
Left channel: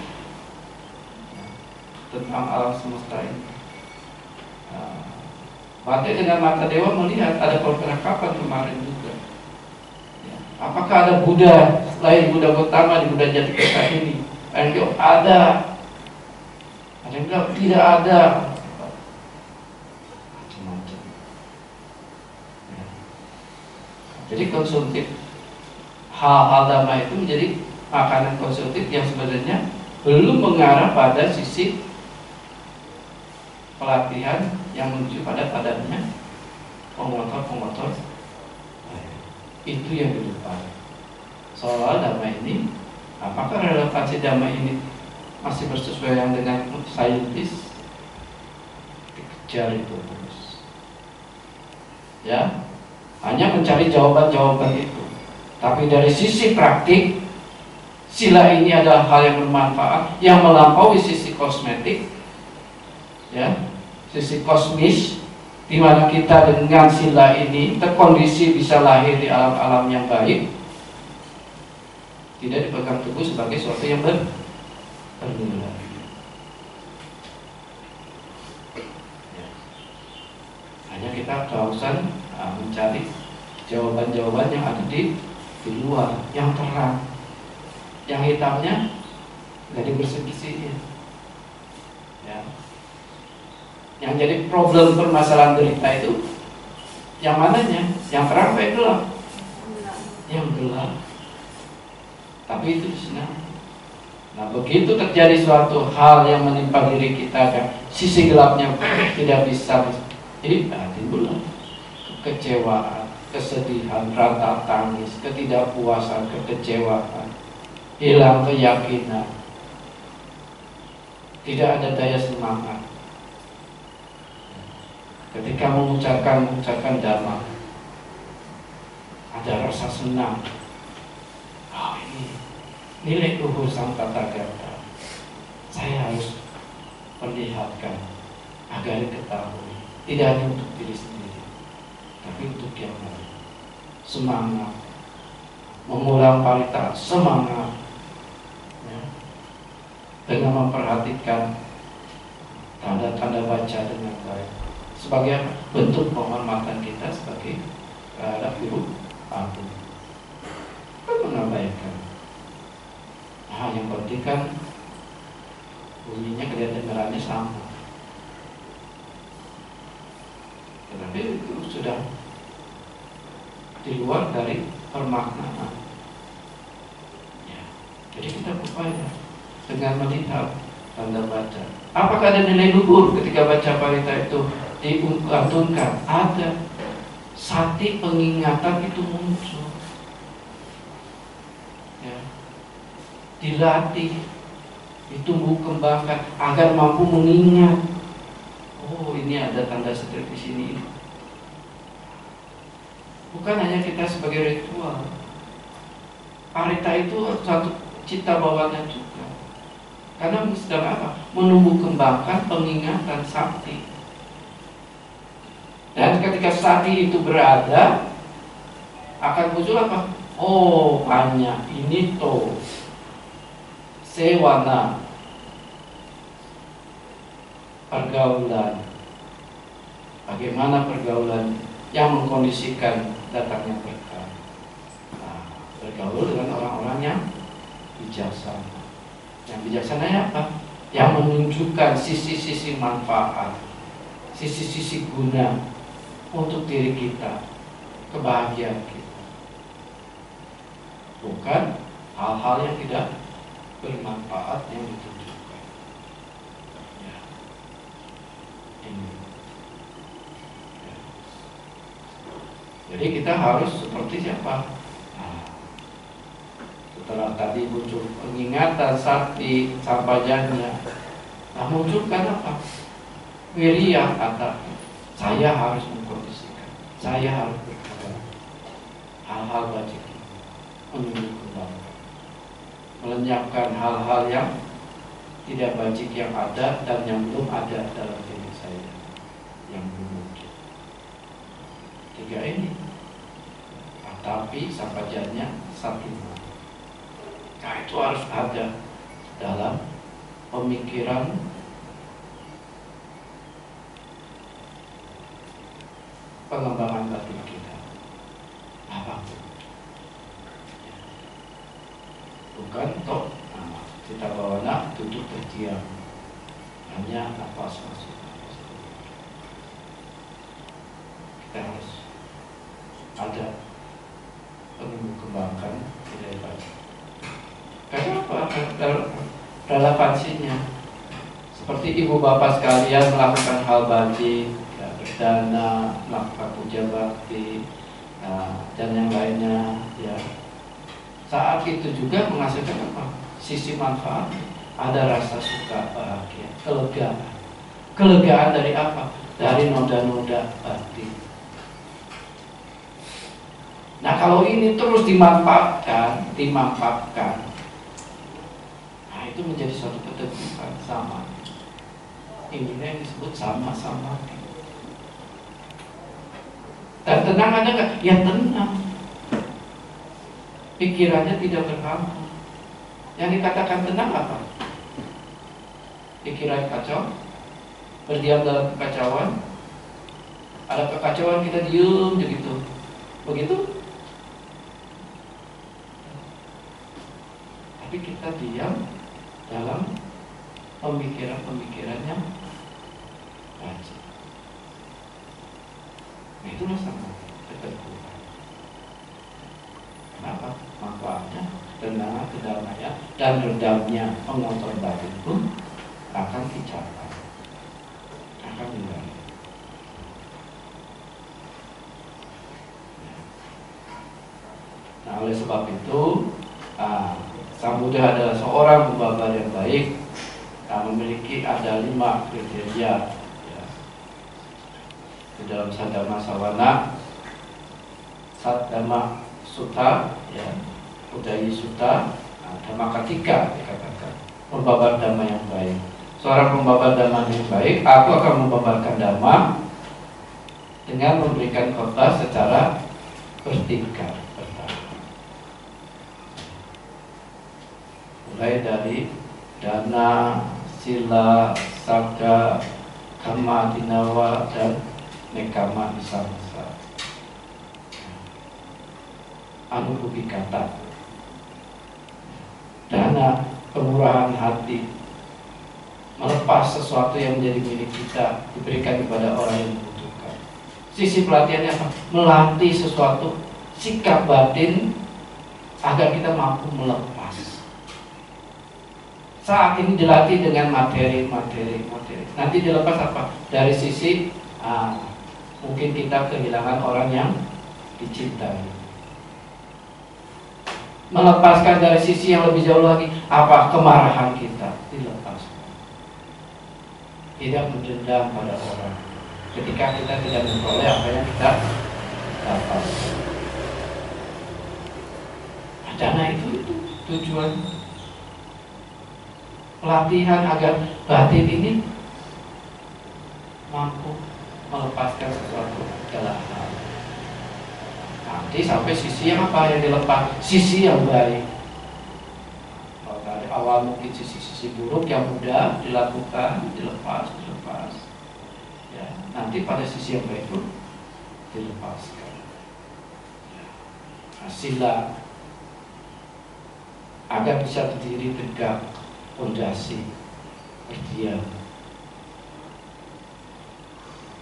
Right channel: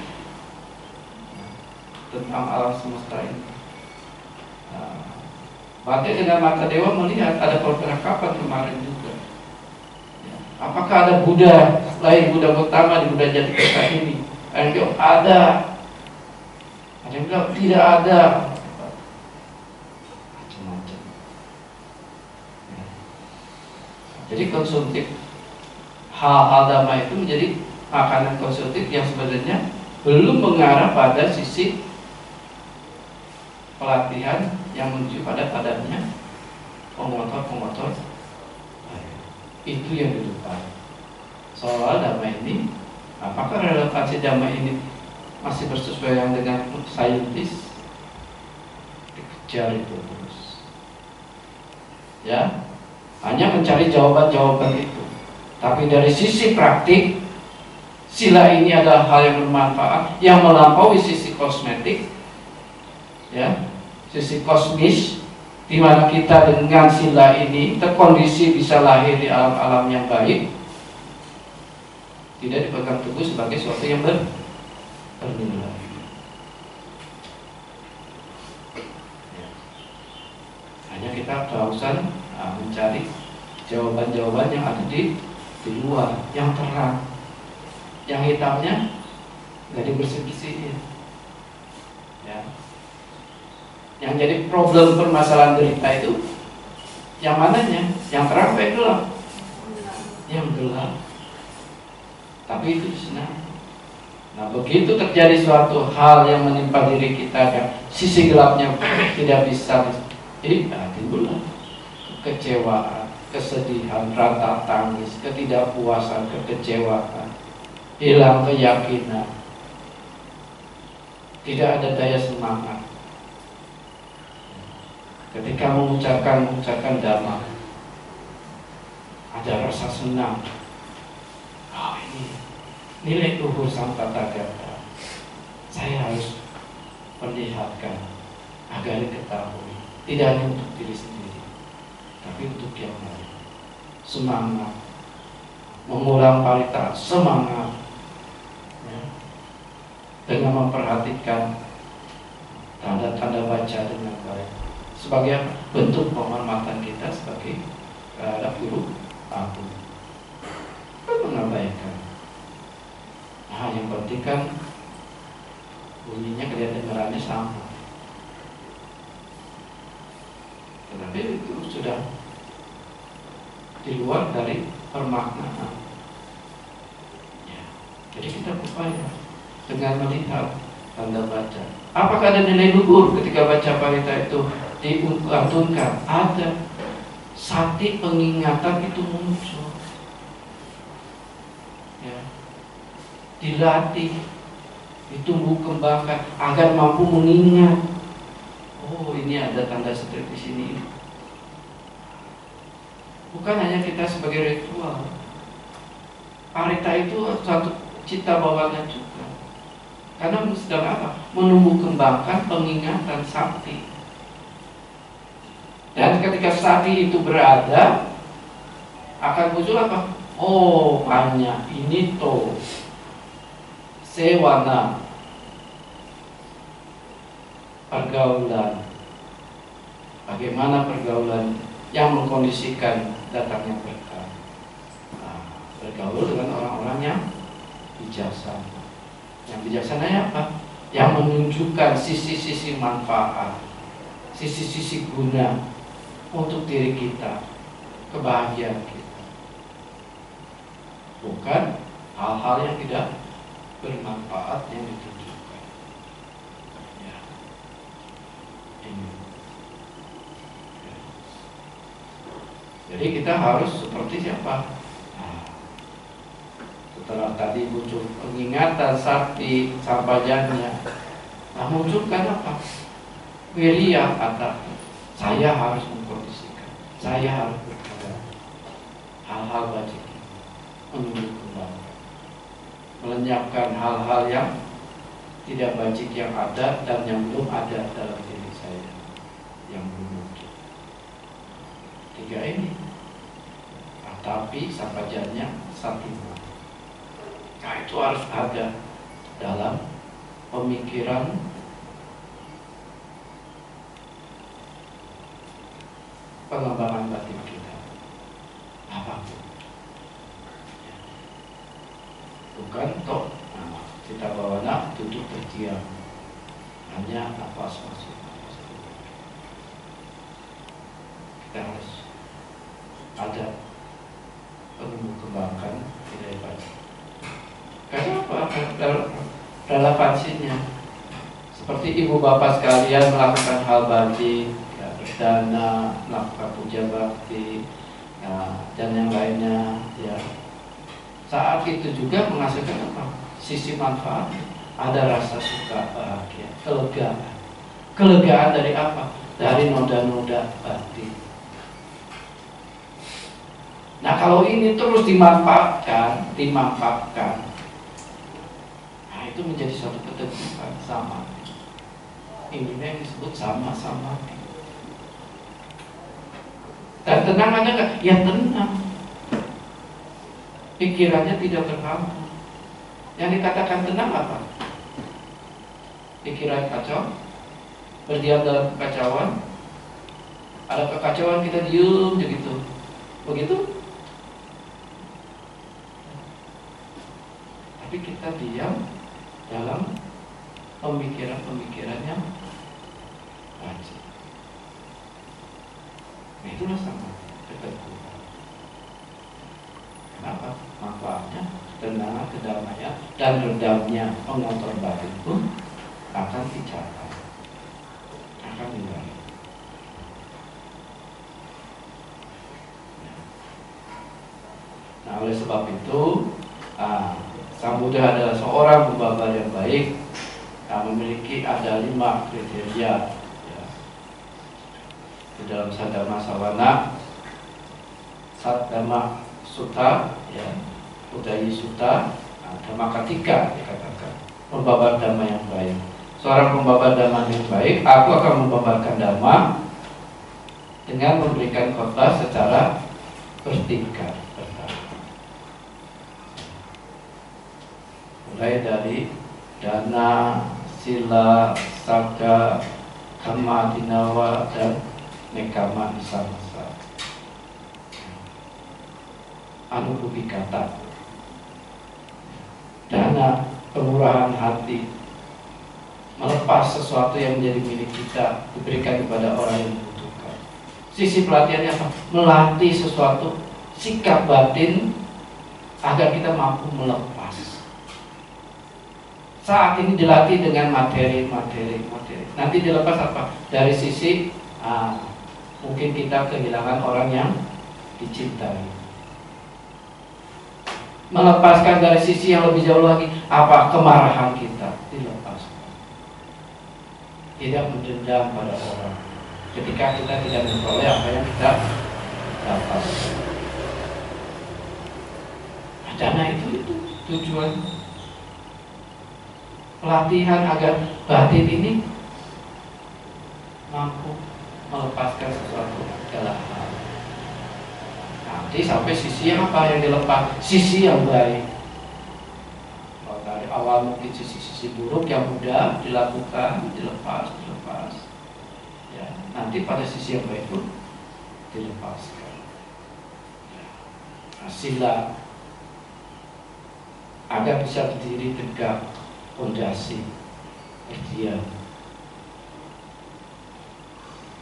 tentang alam semesta ini. Berarti dengan mata dewa melihat ada percakapan kemarin juga. Ya. Apakah ada Buddha selain Buddha Gautama di Buddha Jatikarta ini? Ada yang bilang ada, ada yang bilang tidak ada. Macam-macam. Ya. Jadi konsumtif. Hal-hal dhamma itu menjadi makanan konsumtif yang sebenarnya belum mengarah pada sisi pelatihan yang menuju pada padatnya pemotor itu yang di depan. Soal dhamma ini, apakah relevansi dhamma ini masih bersesuaian dengan saintis? Dikejar itu terus, ya, hanya mencari jawaban-jawaban itu. Tapi dari sisi praktik, sila ini adalah hal yang bermanfaat, yang melampaui sisi kosmetik, ya, sisi kosmis, di mana kita dengan sila ini terkondisi bisa lahir di alam-alam yang baik, tidak dipegang teguh sebagai sesuatu yang bernilai. Ya. Hanya kita kehausan mencari jawaban-jawaban yang ada di luar, yang terang, yang hitamnya nggak dibersih-bersihin. Ya. Yang jadi problem permasalahan derita itu yang mananya? Yang terang apa yang gelap? Yang gelap. Tapi itu disenangi. Nah, begitu terjadi suatu hal yang menimpa diri kita, yang sisi gelapnya tidak bisa, jadi timbullah kekecewaan, kesedihan, rata tangis, ketidakpuasan, kekecewaan, hilang keyakinan, tidak ada daya semangat. ketika mengucapkan dhamma, ada rasa senang. Oh, ini nilai luhur sang Tathagata. Saya harus perlihatkan agar diketahui, tidak hanya untuk diri sendiri, tapi untuk yang lain. Semangat mengulang parita, semangat ya, dengan memperhatikan tanda-tanda baca dengan baik sebagai bentuk penghormatan kita sebagai terhadap guru aku. Kan mengabaikan. Nah, yang penting kan bunyinya kedengarannya sama, tetapi itu sudah di luar dari permaknaan ya. Jadi kita berupaya dengan melihat tanda baca. Apakah ada nilai luhur ketika baca parita itu dilantunkan? Ada. Sati pengingatan itu muncul ya. Dilatih, ditumbuh kembangkan agar mampu mengingat. Oh, ini ada tanda seperti di sini. Bukan hanya kita sebagai ritual. Parita itu satu cita bawaan juga. Karena sedang apa? Menumbuh kembangkan pengingatan sakti. Dan ketika sakti itu berada, akan muncul apa? Oh, banyak ini toh sewana, pergaulan. Bagaimana pergaulan yang mengkondisikan datangnya berkah? Nah, bergaul dengan orang-orang yang bijaksana. Yang bijaksana apa? Yang menunjukkan sisi-sisi manfaat, sisi-sisi guna untuk diri kita, kebahagiaan kita. Bukan hal-hal yang tidak bermanfaat yang ditunjukkan. Ya. Ini. Ya. Jadi kita harus seperti siapa? Nah, setelah tadi muncul pengingatan sakti sampajanya, nah munculkan apa? Wirya, kata saya harus mengkondisikan, saya harus berkata hal-hal wajib menumbuh kembangkan, melenyapkan hal-hal yang tidak bajik yang ada dan yang belum ada dalam diri saya, yang belum muncul. Tiga ini, tapi sampajanya satima. Nah, itu harus ada dalam pemikiran pengembangan batin kita. Apapun. Bukan toh kita bawana duduk berdiam, hanya nafas masuk, nafas keluar. Kita harus ada penumbuh kembangkan nilai batin. Karena apa? Relevansinya seperti ibu bapak sekalian melakukan hal baik, ya, berdana, melakukan puja bakti, dan yang lainnya, ya. Saat itu juga menghasilkan apa? Sisi manfaat. Ada rasa suka, bahagia, kelegaan. Kelegaan dari apa? Dari noda-noda batin. Nah, kalau ini terus dimanfaatkan, nah itu menjadi suatu keteguhan sama. Ini yang disebut sama-sama. Dan tenang ada nggak? Ya tenang. Pikirannya tidak terhambat. Yang dikatakan tenang apa? Pikiran kacau, berdiam dalam kekacauan. Ada kekacauan kita diem begitu. Begitu? Tapi kita diam dalam pemikiran-pemikiran yang wajib. Nah, itulah sama keteguhan. Kenapa? Manfaatnya ketenangan, kedamaian, dan redamnya pengontrol batin pun akan dicapai, akan diraih. Nah, oleh sebab itu, Sang Buddha adalah seorang pembabar yang baik, memiliki ada 5 kriteria. Ya. di dalam Sadama Sawana, Sadama Sutta, ya, Udayi Sutta, Dhamma ketiga dikatakan membabar dhamma yang baik. Seorang pembabar dhamma yang baik, aku akan membabarkan dhamma dengan memberikan khotbah secara bertingkat. Mulai dari dana, sila, saga, kama, dinawa, dan nekama isamasa. Anubhubikata. Dana, kemurahan hati, melepas sesuatu yang menjadi milik kita, diberikan kepada orang yang membutuhkan. Sisi pelatihannya apa? Melatih sesuatu sikap batin agar kita mampu melepas. Saat ini dilatih dengan materi. Nanti dilepas apa? Dari sisi mungkin kita kehilangan orang yang dicintai. Melepaskan dari sisi yang lebih jauh lagi, apa? Kemarahan kita dilepaskan. Tidak mendendam pada orang ketika kita tidak memperoleh apa yang kita dapat. Dana itu tujuan pelatihan agar batin ini mampu melepaskan sesuatu segala hal. Nanti sampai sisi yang apa yang dilepas? Sisi yang baik. Kalau dari awal mungkin sisi buruk yang mudah dilakukan, dilepas. Ya, nanti pada sisi yang baik pun dilepaskan. Ya. Sila agar bisa berdiri tegak, fondasi berdiam,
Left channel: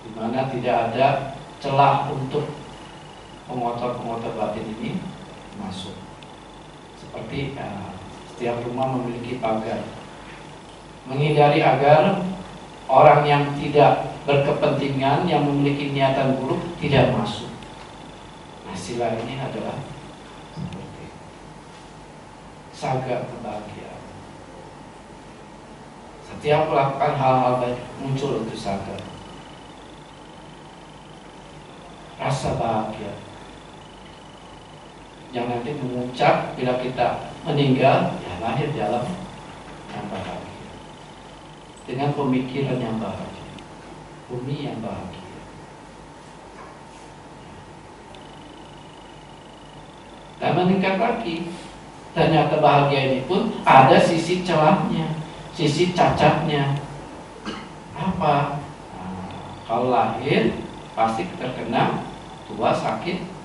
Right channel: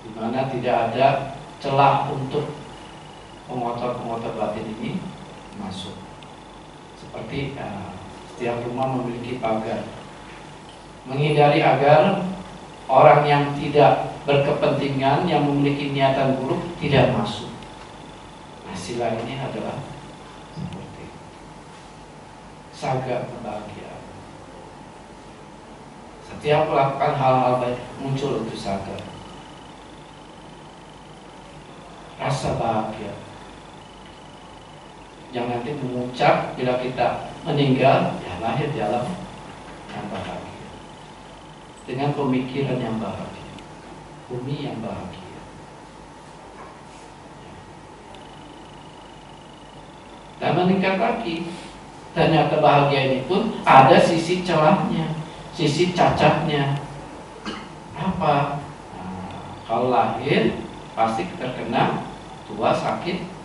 di mana tidak ada celah untuk pengotor batin ini masuk. Seperti setiap rumah memiliki pagar, menghindari agar orang yang tidak berkepentingan, yang memiliki niatan buruk tidak masuk. Nah, sila ini adalah seperti saga kebahagiaan. Setiap melakukan hal-hal baik muncul itu saga, rasa bahagia yang nanti memuncak bila kita meninggal, ya lahir di alam yang bahagia dengan pemikiran yang bahagia, bumi yang bahagia. Dan meningkat lagi, ternyata bahagia ini pun ada sisi celahnya, sisi cacatnya. Apa? Kalau lahir pasti terkena tua, sakit.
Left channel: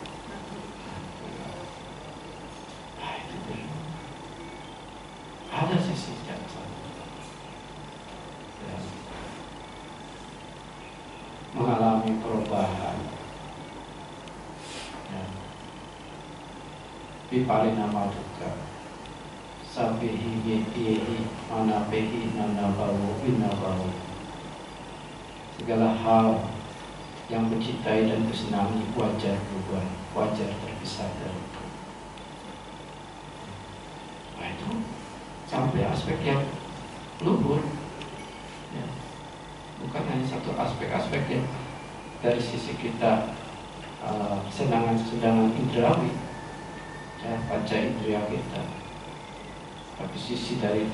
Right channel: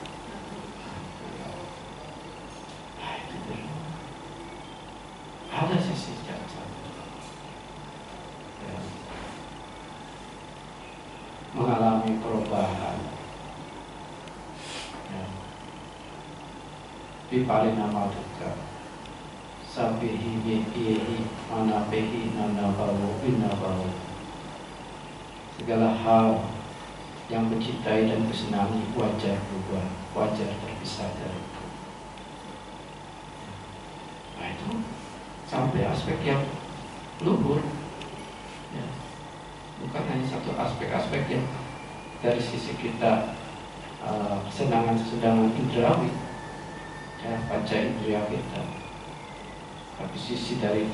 Ada sisi cacat. Ya. Mengalami perubahan. Ya. Bipalina maduka. Sabihi yehi manapehi nanabawu binabawu. Segala hal yang mencintai dan bersenangi wajar berubah, wajar terpisah dari itu. Nah itu sampai aspek yang luhur, ya. Bukan hanya satu aspek-aspek yang dari sisi kita kesenangan-kesenangan indrawi, ya, panca indera kita, tapi sisi dari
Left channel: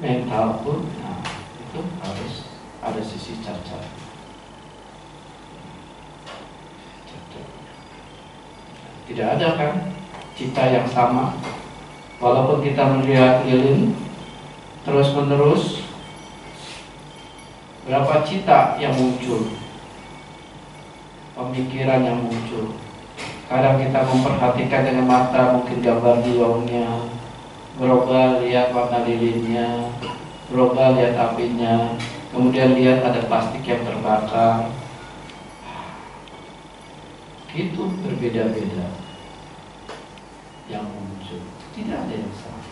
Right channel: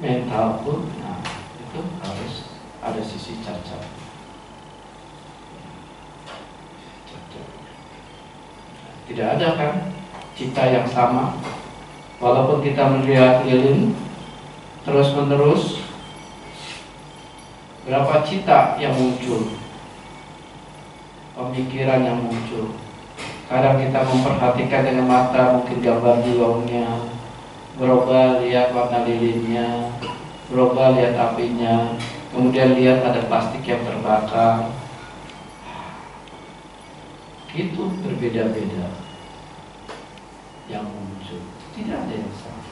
mental pun, nah itu harus ada sisi cacat. Tidak ada kan cita yang sama, walaupun kita melihat lilin terus menerus, berapa cita yang muncul, pemikiran yang muncul. Kadang kita memperhatikan dengan mata, mungkin gambar diongnya, berubah lihat warna lilinnya, berubah lihat apinya, kemudian lihat ada plastik yang terbakar. Itu berbeda-beda yang muncul, tidak ada yang sama.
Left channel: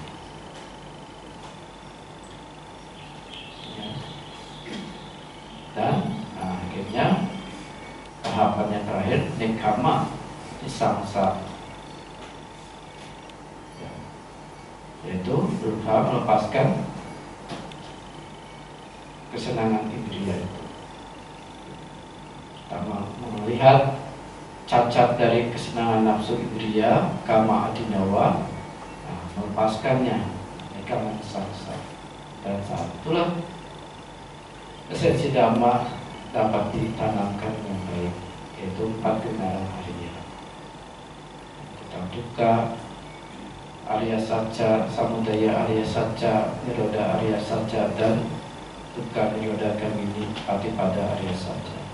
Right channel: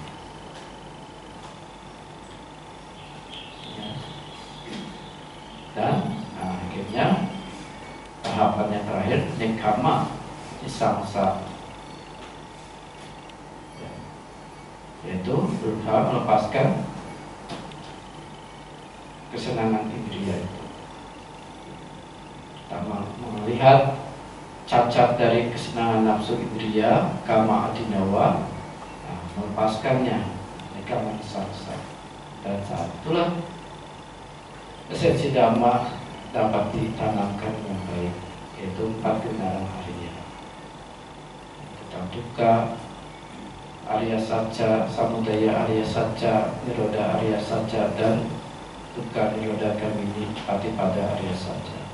Ya. Dan akhirnya tahapan yang terakhir nekama samsa, ya. Yaitu berusaha melepaskan kesenangan indria itu. Pertama melihat cacat dari kesenangan nafsu indriya, kama adinawa, melepaskannya, kama saksa. Dan saat itulah esensi dhamma dapat ditanamkan yang baik, yaitu 4 kebenaran Arya. Tentang dukkha Arya Satya, samudaya Arya Satya, nirodha Arya Satya, dan dukkha nirodha gamini patipada Arya Satya.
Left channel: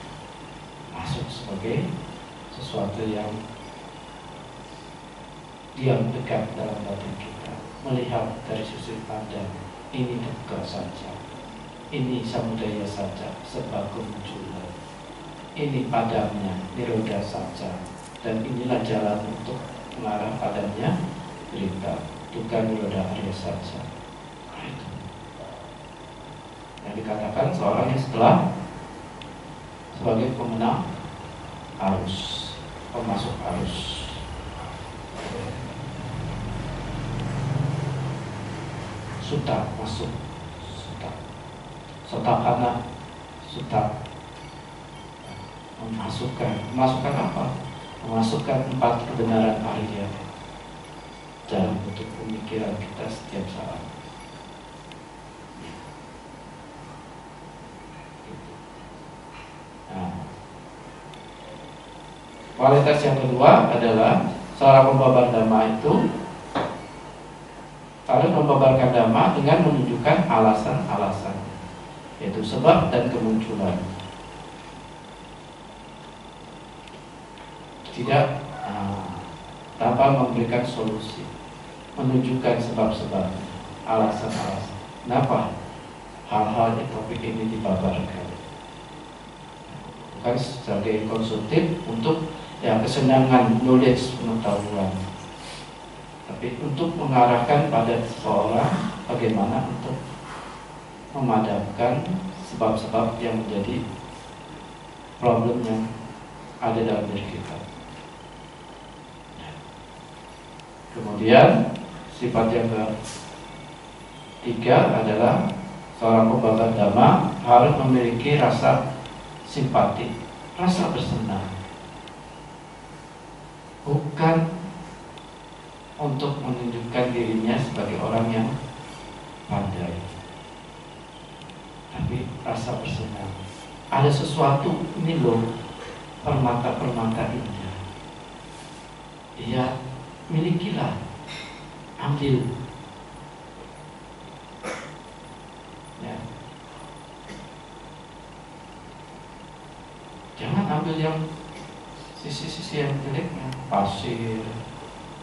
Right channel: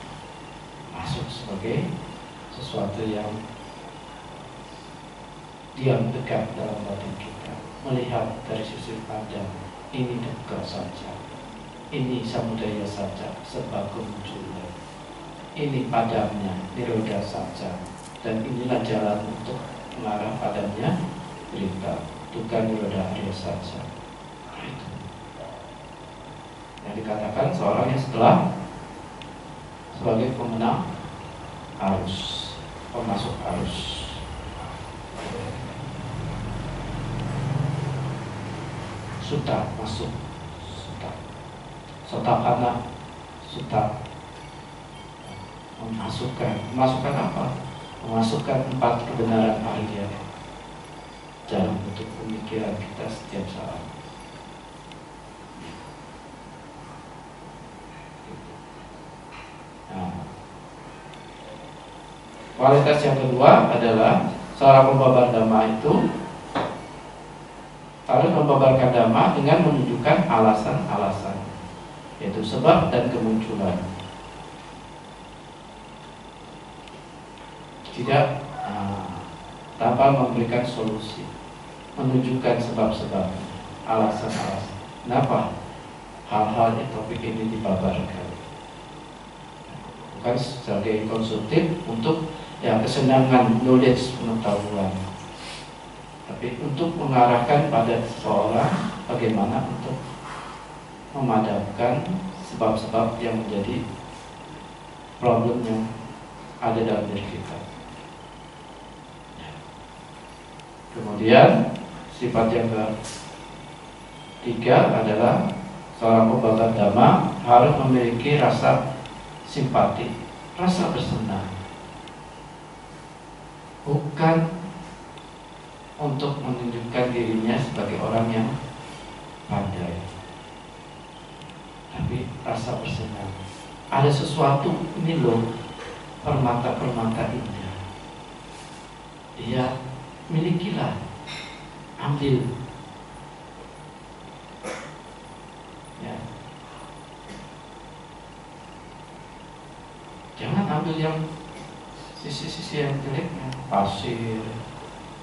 Masuk sebagai sesuatu yang diam dekat dalam batin kita, melihat dari sisi pandang, ini dukkha saja, ini samudaya saja, sebab kemunculan, ini padamnya, nirodha saja, dan inilah jalan untuk mengarah padamnya berita, dukkha nirodha Arya saja. Itu yang dikatakan seorang yang setelah sebagai pemenang arus, pemasuk arus. Suta masuk, suta, sotapana, suta, memasukkan apa? Memasukkan 4 kebenaran Arya dalam bentuk pemikiran kita setiap saat. Nah, kualitas yang kedua adalah seorang pembabar dhamma itu harus membabarkan dhamma dengan menunjukkan alasan-alasan, yaitu sebab dan kemunculan. Tidak tanpa memberikan solusi, menunjukkan sebab-sebab, alasan-alasan. Kenapa hal-hal di topik ini dibabarkan? Bukan sebagai konsultif untuk kesenangan knowledge, pengetahuan, tapi untuk mengarahkan pada seseorang bagaimana untuk memadamkan sebab-sebab yang menjadi problem yang ada dalam diri kita. Kemudian sifat yang ketiga adalah seorang pembabar dhamma harus memiliki rasa simpati, rasa bersenang, bukan untuk menunjukkan dirinya sebagai orang yang pandai, tapi rasa bersenang. Ada sesuatu, ini loh, permata-permata indah, dia milikilah, ambil, ya. Jangan ambil yang sisi-sisi yang jeleknya, pasir,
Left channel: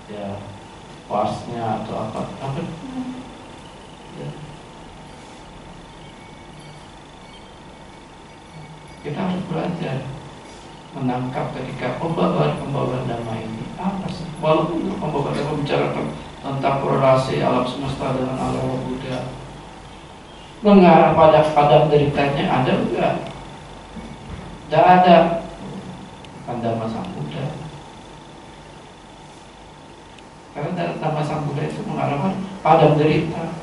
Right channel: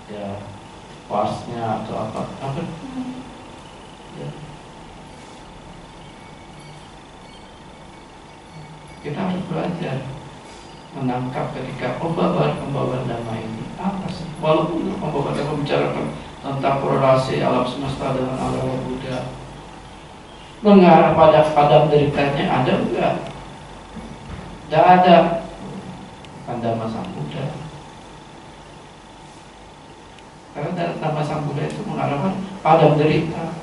ya, kuarsnya atau apa, ya. Kita harus belajar menangkap ketika pembabar dhamma ini apa sih? Walaupun pembabar dhamma membicarakan tentang korelasi alam semesta dengan alam Buddha, mengarah pada padam deritanya ada enggak? Tidak ada. Bukan dhamma sang Buddha. Karena dhamma sang Buddha itu mengarahkan padam derita.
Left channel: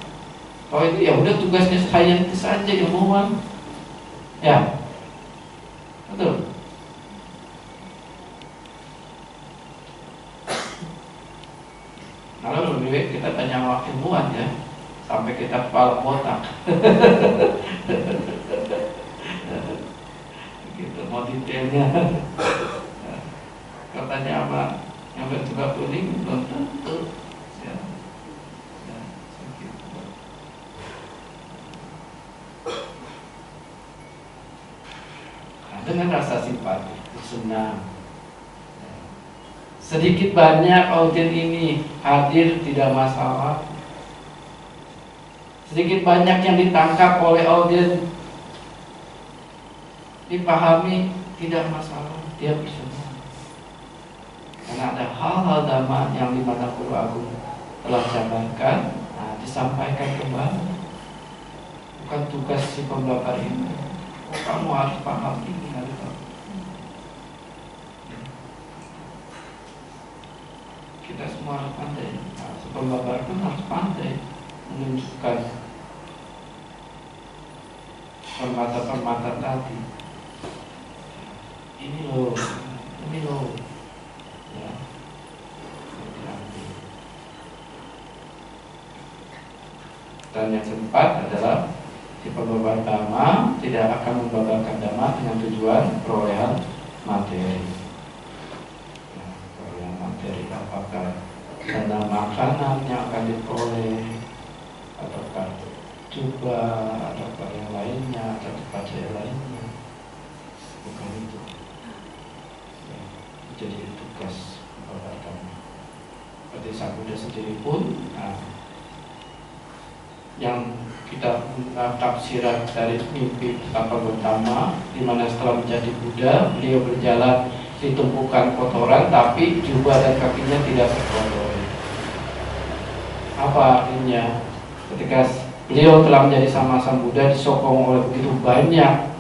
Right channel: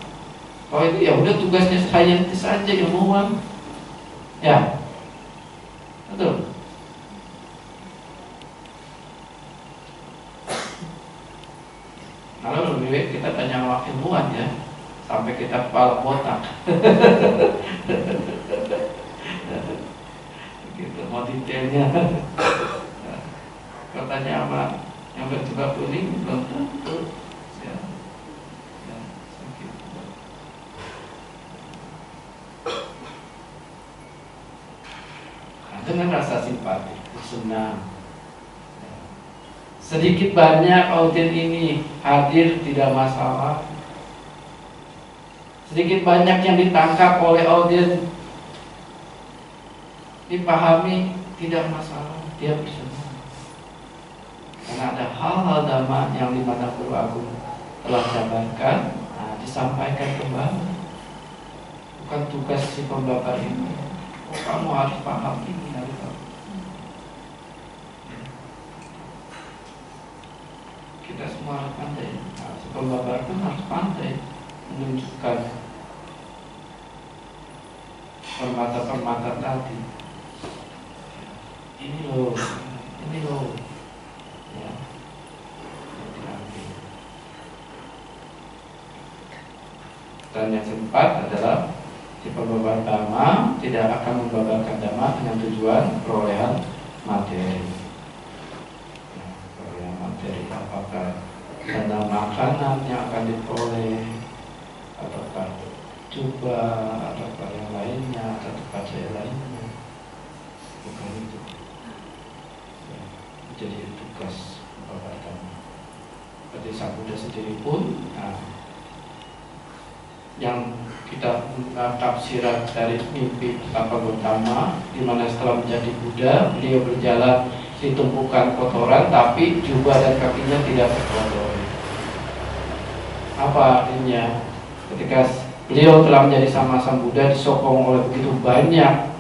Kalau itu ya udah tugasnya saintis saja, ilmuwan. Ya, betul. Kalau lebih baik kita tanya sama ilmuwan ya, sampai kita kepala botak. Gitu, mau detailnya. Kalau tanya sama yang berjubah kuning belum tentu. Ya, gitu. Nah, dengan rasa simpati, senang. Sedikit banyak audien ini hadir tidak masalah. Sedikit banyak yang ditangkap oleh audien dipahami tidak masalah, dia bersenang. Karena ada hal-hal dhamma yang dimana Guru Agung telah jabarkan, disampaikan kembali. Bukan tugas si pembabar ini. Oh, kamu harus paham ini, harus paham. Kita semua harus pandai. Si pembabar pun harus pandai menunjukkan permata-permata tadi. ini loh, ya, diambil. Dan yang keempat adalah si pembabar dhamma tidak akan membabarkan dhamma dengan tujuan perolehan materi. Ya, perolehan materi apakah karena makanan yang akan diperoleh, ataukah coba, ataukah yang lainnya, atau pacar lainnya. Bukan itu. Ya, jadi tugas pembabar dhamma. Seperti Sang Buddha sendiri pun, yang kita tafsiran dari mimpi betapa Gautama, di mana setelah menjadi Buddha beliau berjalan di tumpukan kotoran, tapi jubah dan kakinya tidak terkotori. Apa artinya? Ketika beliau telah menjadi sama Sang Buddha, disokong oleh begitu banyak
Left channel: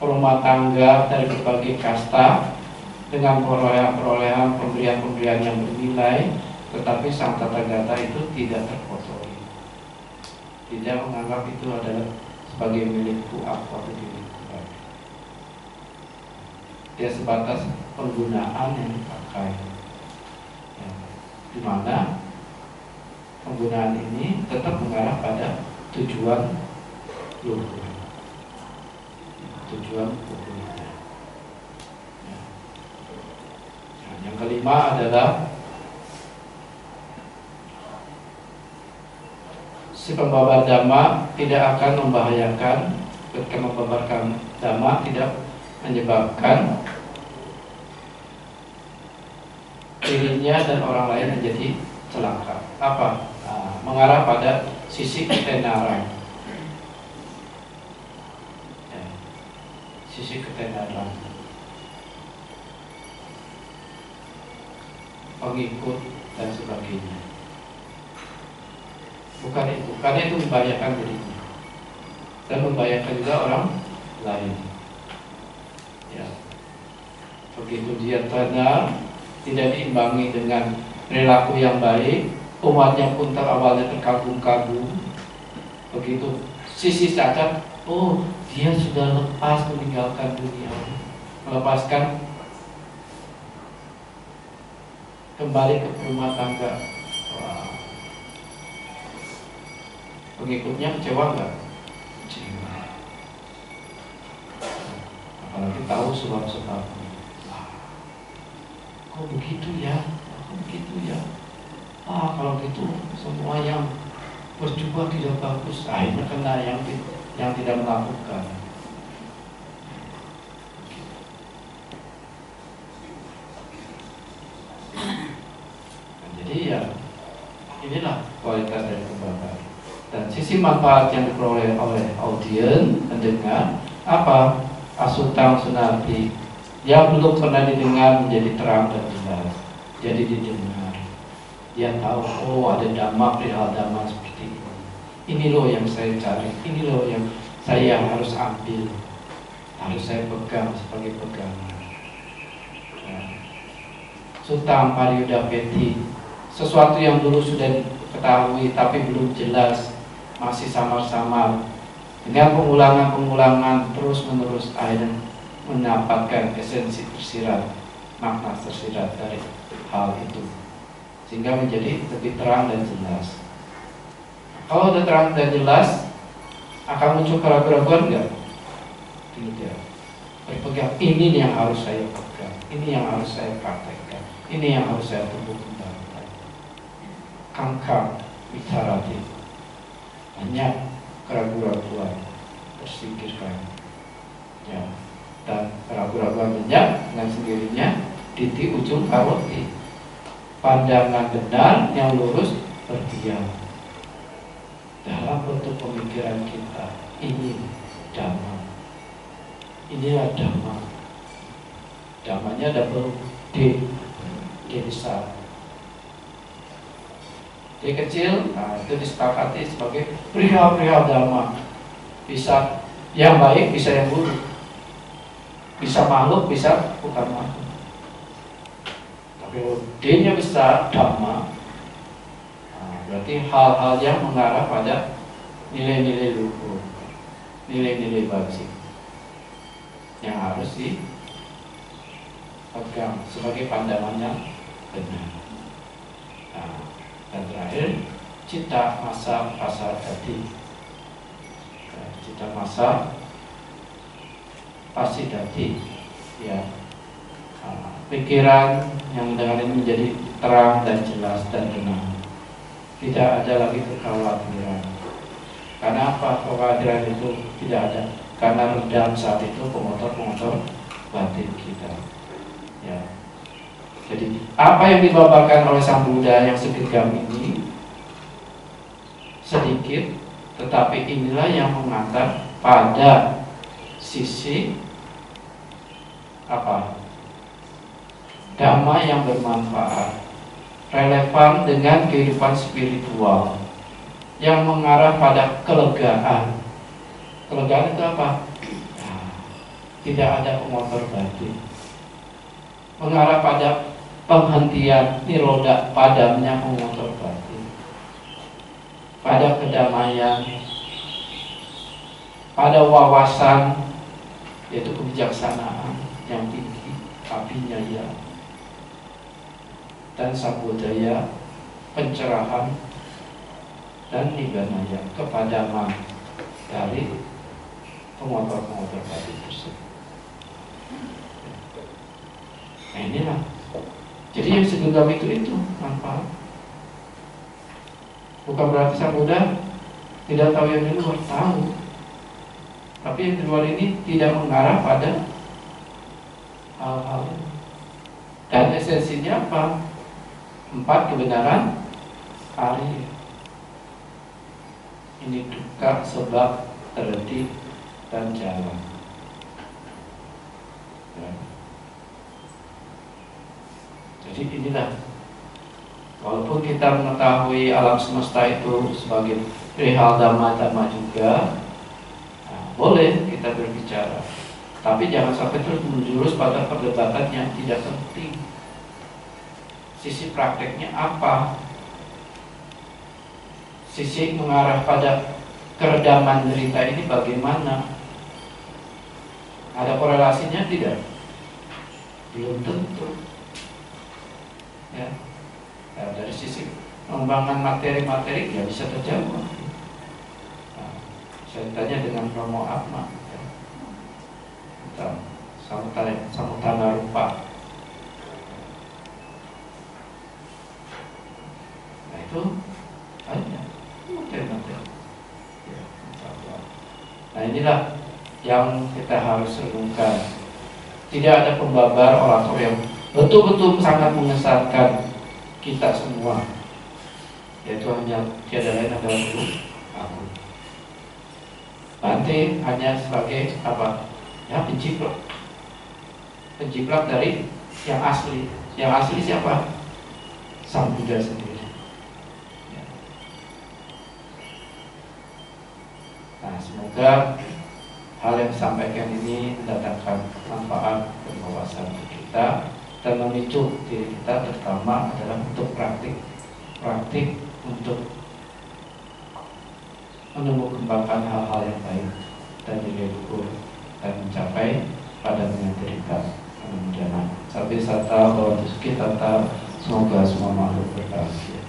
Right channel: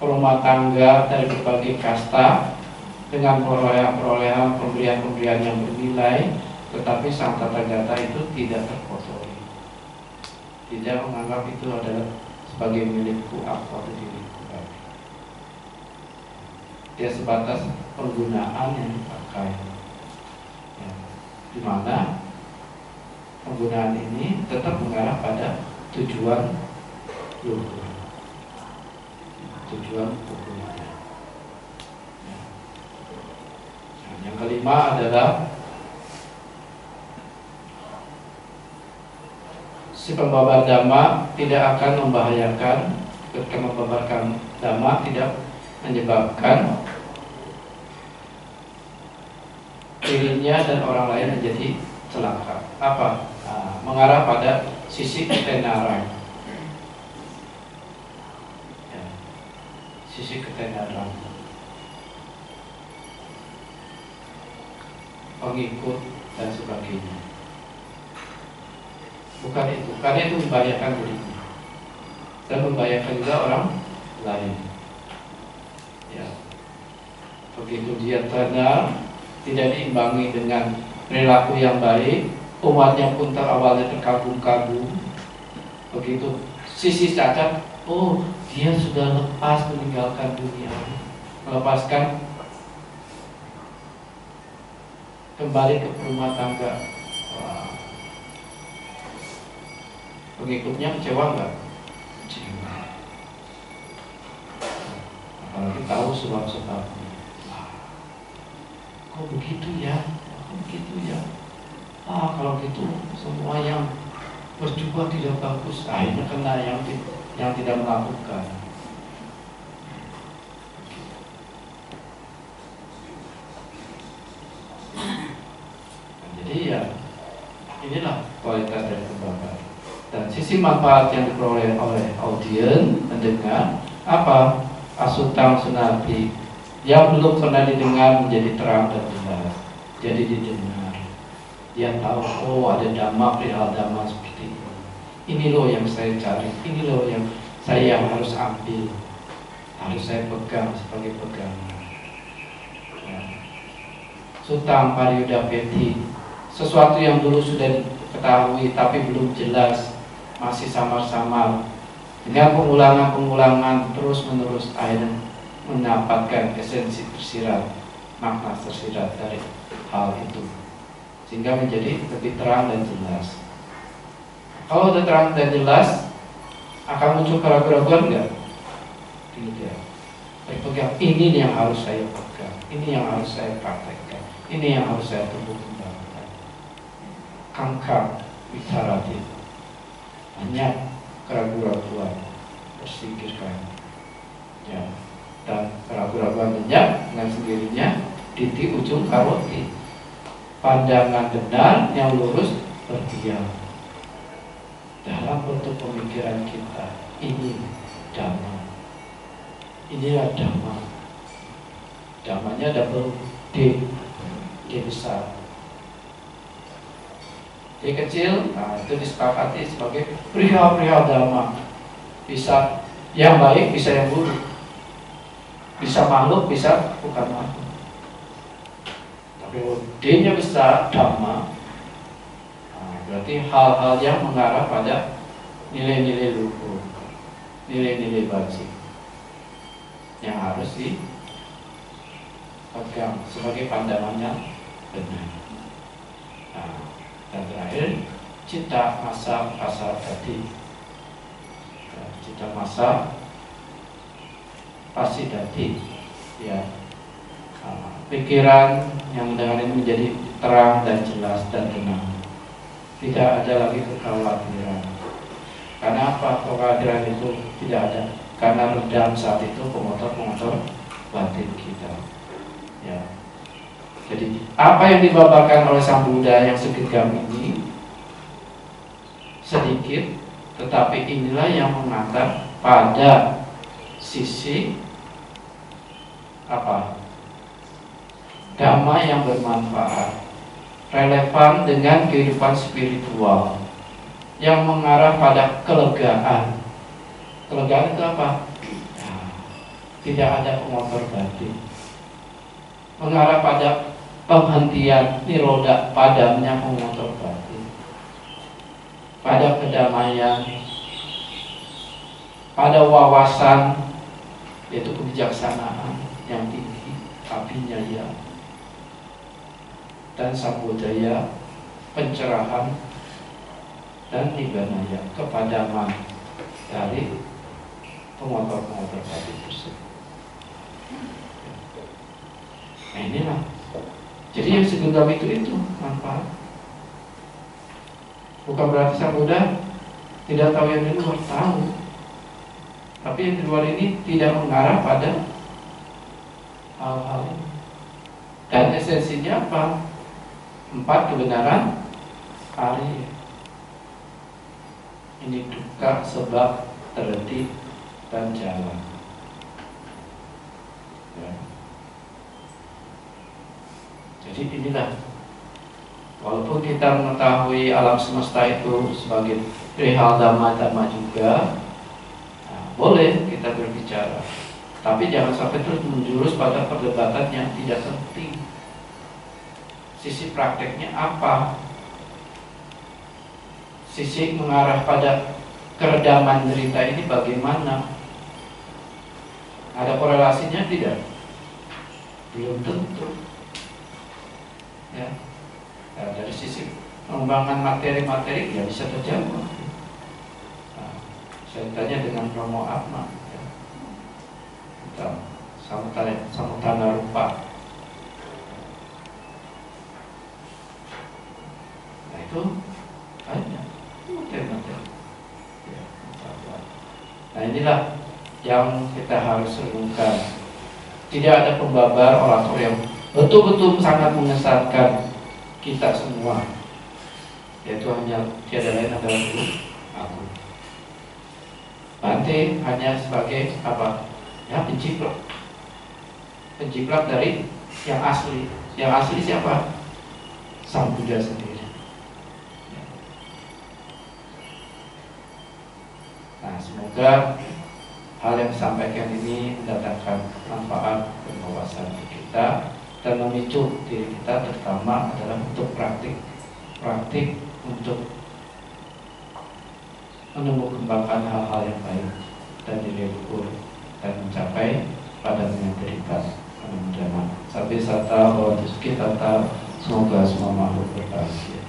rumah tangga dari berbagai kasta dengan perolehan pemberian yang bernilai, tetapi Sang Tathagata itu tidak terkotori. Tidak menganggap itu adalah sebagai milikku atau diriku. Dia sebatas penggunaan yang dipakai, ya, di mana penggunaan ini tetap mengarah pada tujuan luhur, tujuan luhurnya. Ya. Nah, yang kelima adalah si pembabar dhamma tidak akan membahayakan, ketika membabarkan dhamma tidak menyebabkan dirinya dan orang lain menjadi celaka. Apa? Mengarah pada sisi ketenaran. Ya, sisi ketenaran. Pengikut dan sebagainya. Bukan itu, karena itu membahayakan dirinya dan membahayakan juga orang lain. Ya, begitu dia tenar, tidak diimbangi dengan perilaku yang baik, umatnya pun awalnya terkagum-kagum. Begitu sisi cacat, oh dia sudah lepas meninggalkan dunia, melepaskan kembali ke rumah tangga. Wah. Pengikutnya kecewa nggak? Kecewa. Apalagi tahu sebab-sebabnya. Kok begitu ya? Kok begitu ya? Kalau gitu semua yang berjubah tidak bagus. Akhirnya kena yang tidak melakukan. Nah, jadi ya inilah kualitas dari pembabar. Dan sisi manfaat yang diperoleh oleh audiens, pendengar, apa? Asutang sunati yang belum pernah didengar menjadi terang dan jelas. Jadi didengar. Dia tahu, oh ada dhamma, perihal dhamma seperti ini. Ini loh yang saya cari, ini loh yang saya harus ambil, harus saya pegang sebagai pegangan. Ya. Sutang pariyudapeti, sesuatu yang dulu sudah diketahui tapi belum jelas, masih samar-samar. Dengan pengulangan terus-menerus akhirnya mendapatkan esensi tersirat, makna tersirat dari hal itu, sehingga menjadi lebih terang dan jelas. Kalau sudah terang dan jelas, akan muncul keraguan-keraguan enggak? Tidak. Berpegang, ini yang harus saya pegang, ini yang harus saya praktekkan, ini yang harus saya tumbuh kembangkan. Kangkang witarati, banyak keraguan-keraguan tersingkirkan, ya. Dan keraguan-keraguan banyak dengan sendirinya titik ujung karoti, pandangan benar yang lurus berdiam dalam bentuk pemikiran kita. Ini dhamma, inilah dhamma. Dhammanya double D, D besar. D kecil, itu disepakati sebagai perihal-perihal dhamma. Bisa yang baik, bisa yang buruk. Bisa makhluk, bisa bukan makhluk. Tapi D-nya besar, dhamma, berarti hal-hal yang mengarah pada nilai-nilai luhur, nilai-nilai bajik yang harus pegang sebagai pandangannya benar. Nah, dan terakhir cita masa pasar dadi. Cita masa pasti dadi, ya. Pikiran yang dengan ini menjadi terang dan jelas dan tenang. Tidak ada lagi kekhawatiran. Karena apa? Kekhawatiran itu tidak ada. Karena redam saat itu pengotor-pengotor batin kita. Ya. Jadi apa yang dibabarkan oleh Sang Buddha yang segenggam ini sedikit, tetapi inilah yang mengantar pada sisi apa? Dhamma yang bermanfaat, relevan dengan kehidupan spiritual, yang mengarah pada kelegaan. Kelegaan itu apa? Nah, tidak ada pengotor batin. Mengarah pada penghentian niroda, padamnya pengotor batin. Pada kedamaian, pada wawasan, yaitu kebijaksanaan yang tinggi, abhinyaya, dan sambodaya, pencerahan, dan nibbanaya, kepadaman dari pengotor-pengotor batin tersebut. Nah inilah. Jadi yang segenggam itu manfaat. Bukan berarti Sang Buddha tidak tahu yang di luar, tahu. Tapi yang di luar ini tidak mengarah pada hal-hal. Dan esensinya apa? 4 kebenaran Arya. Ini duka, sebab, terhenti, dan jalan. Ya. Jadi inilah, walaupun kita mengetahui alam semesta itu sebagai perihal dhamma-dhamma juga, nah, boleh kita berbicara, tapi jangan sampai terus menjurus pada perdebatan yang tidak penting. Sisi prakteknya apa? Sisi mengarah pada keredaman derita ini bagaimana? Ada korelasinya tidak? Belum tentu. Ya. Nah, dari sisi pengembangan materi-materi ya bisa terjawab. Nah, saya tanya dengan Romo Atma, ya. Tentang samutana rupa. Nah itu banyak materi-materi. Ya, nah inilah yang kita harus renungkan. Tidak ada pembabar orator yang betul-betul sangat mengesankan kita semua, yaitu hanya tiada lain adalah aku. Bante hanya sebagai apa? Ya, penjiplak dari yang asli. Yang asli siapa? Sang Buddha sendiri. Ya. Nah, semoga hal yang disampaikan ini mendatangkan manfaat dan wawasan bagi kita dan memicu diri kita, terutama adalah untuk praktik untuk menumbuh-kembangkan hal-hal yang baik dan nilai luhur dan mencapai pada derita. Mudah-mudahan sampai sata bahwa kita semoga semua makhluk berbahagia.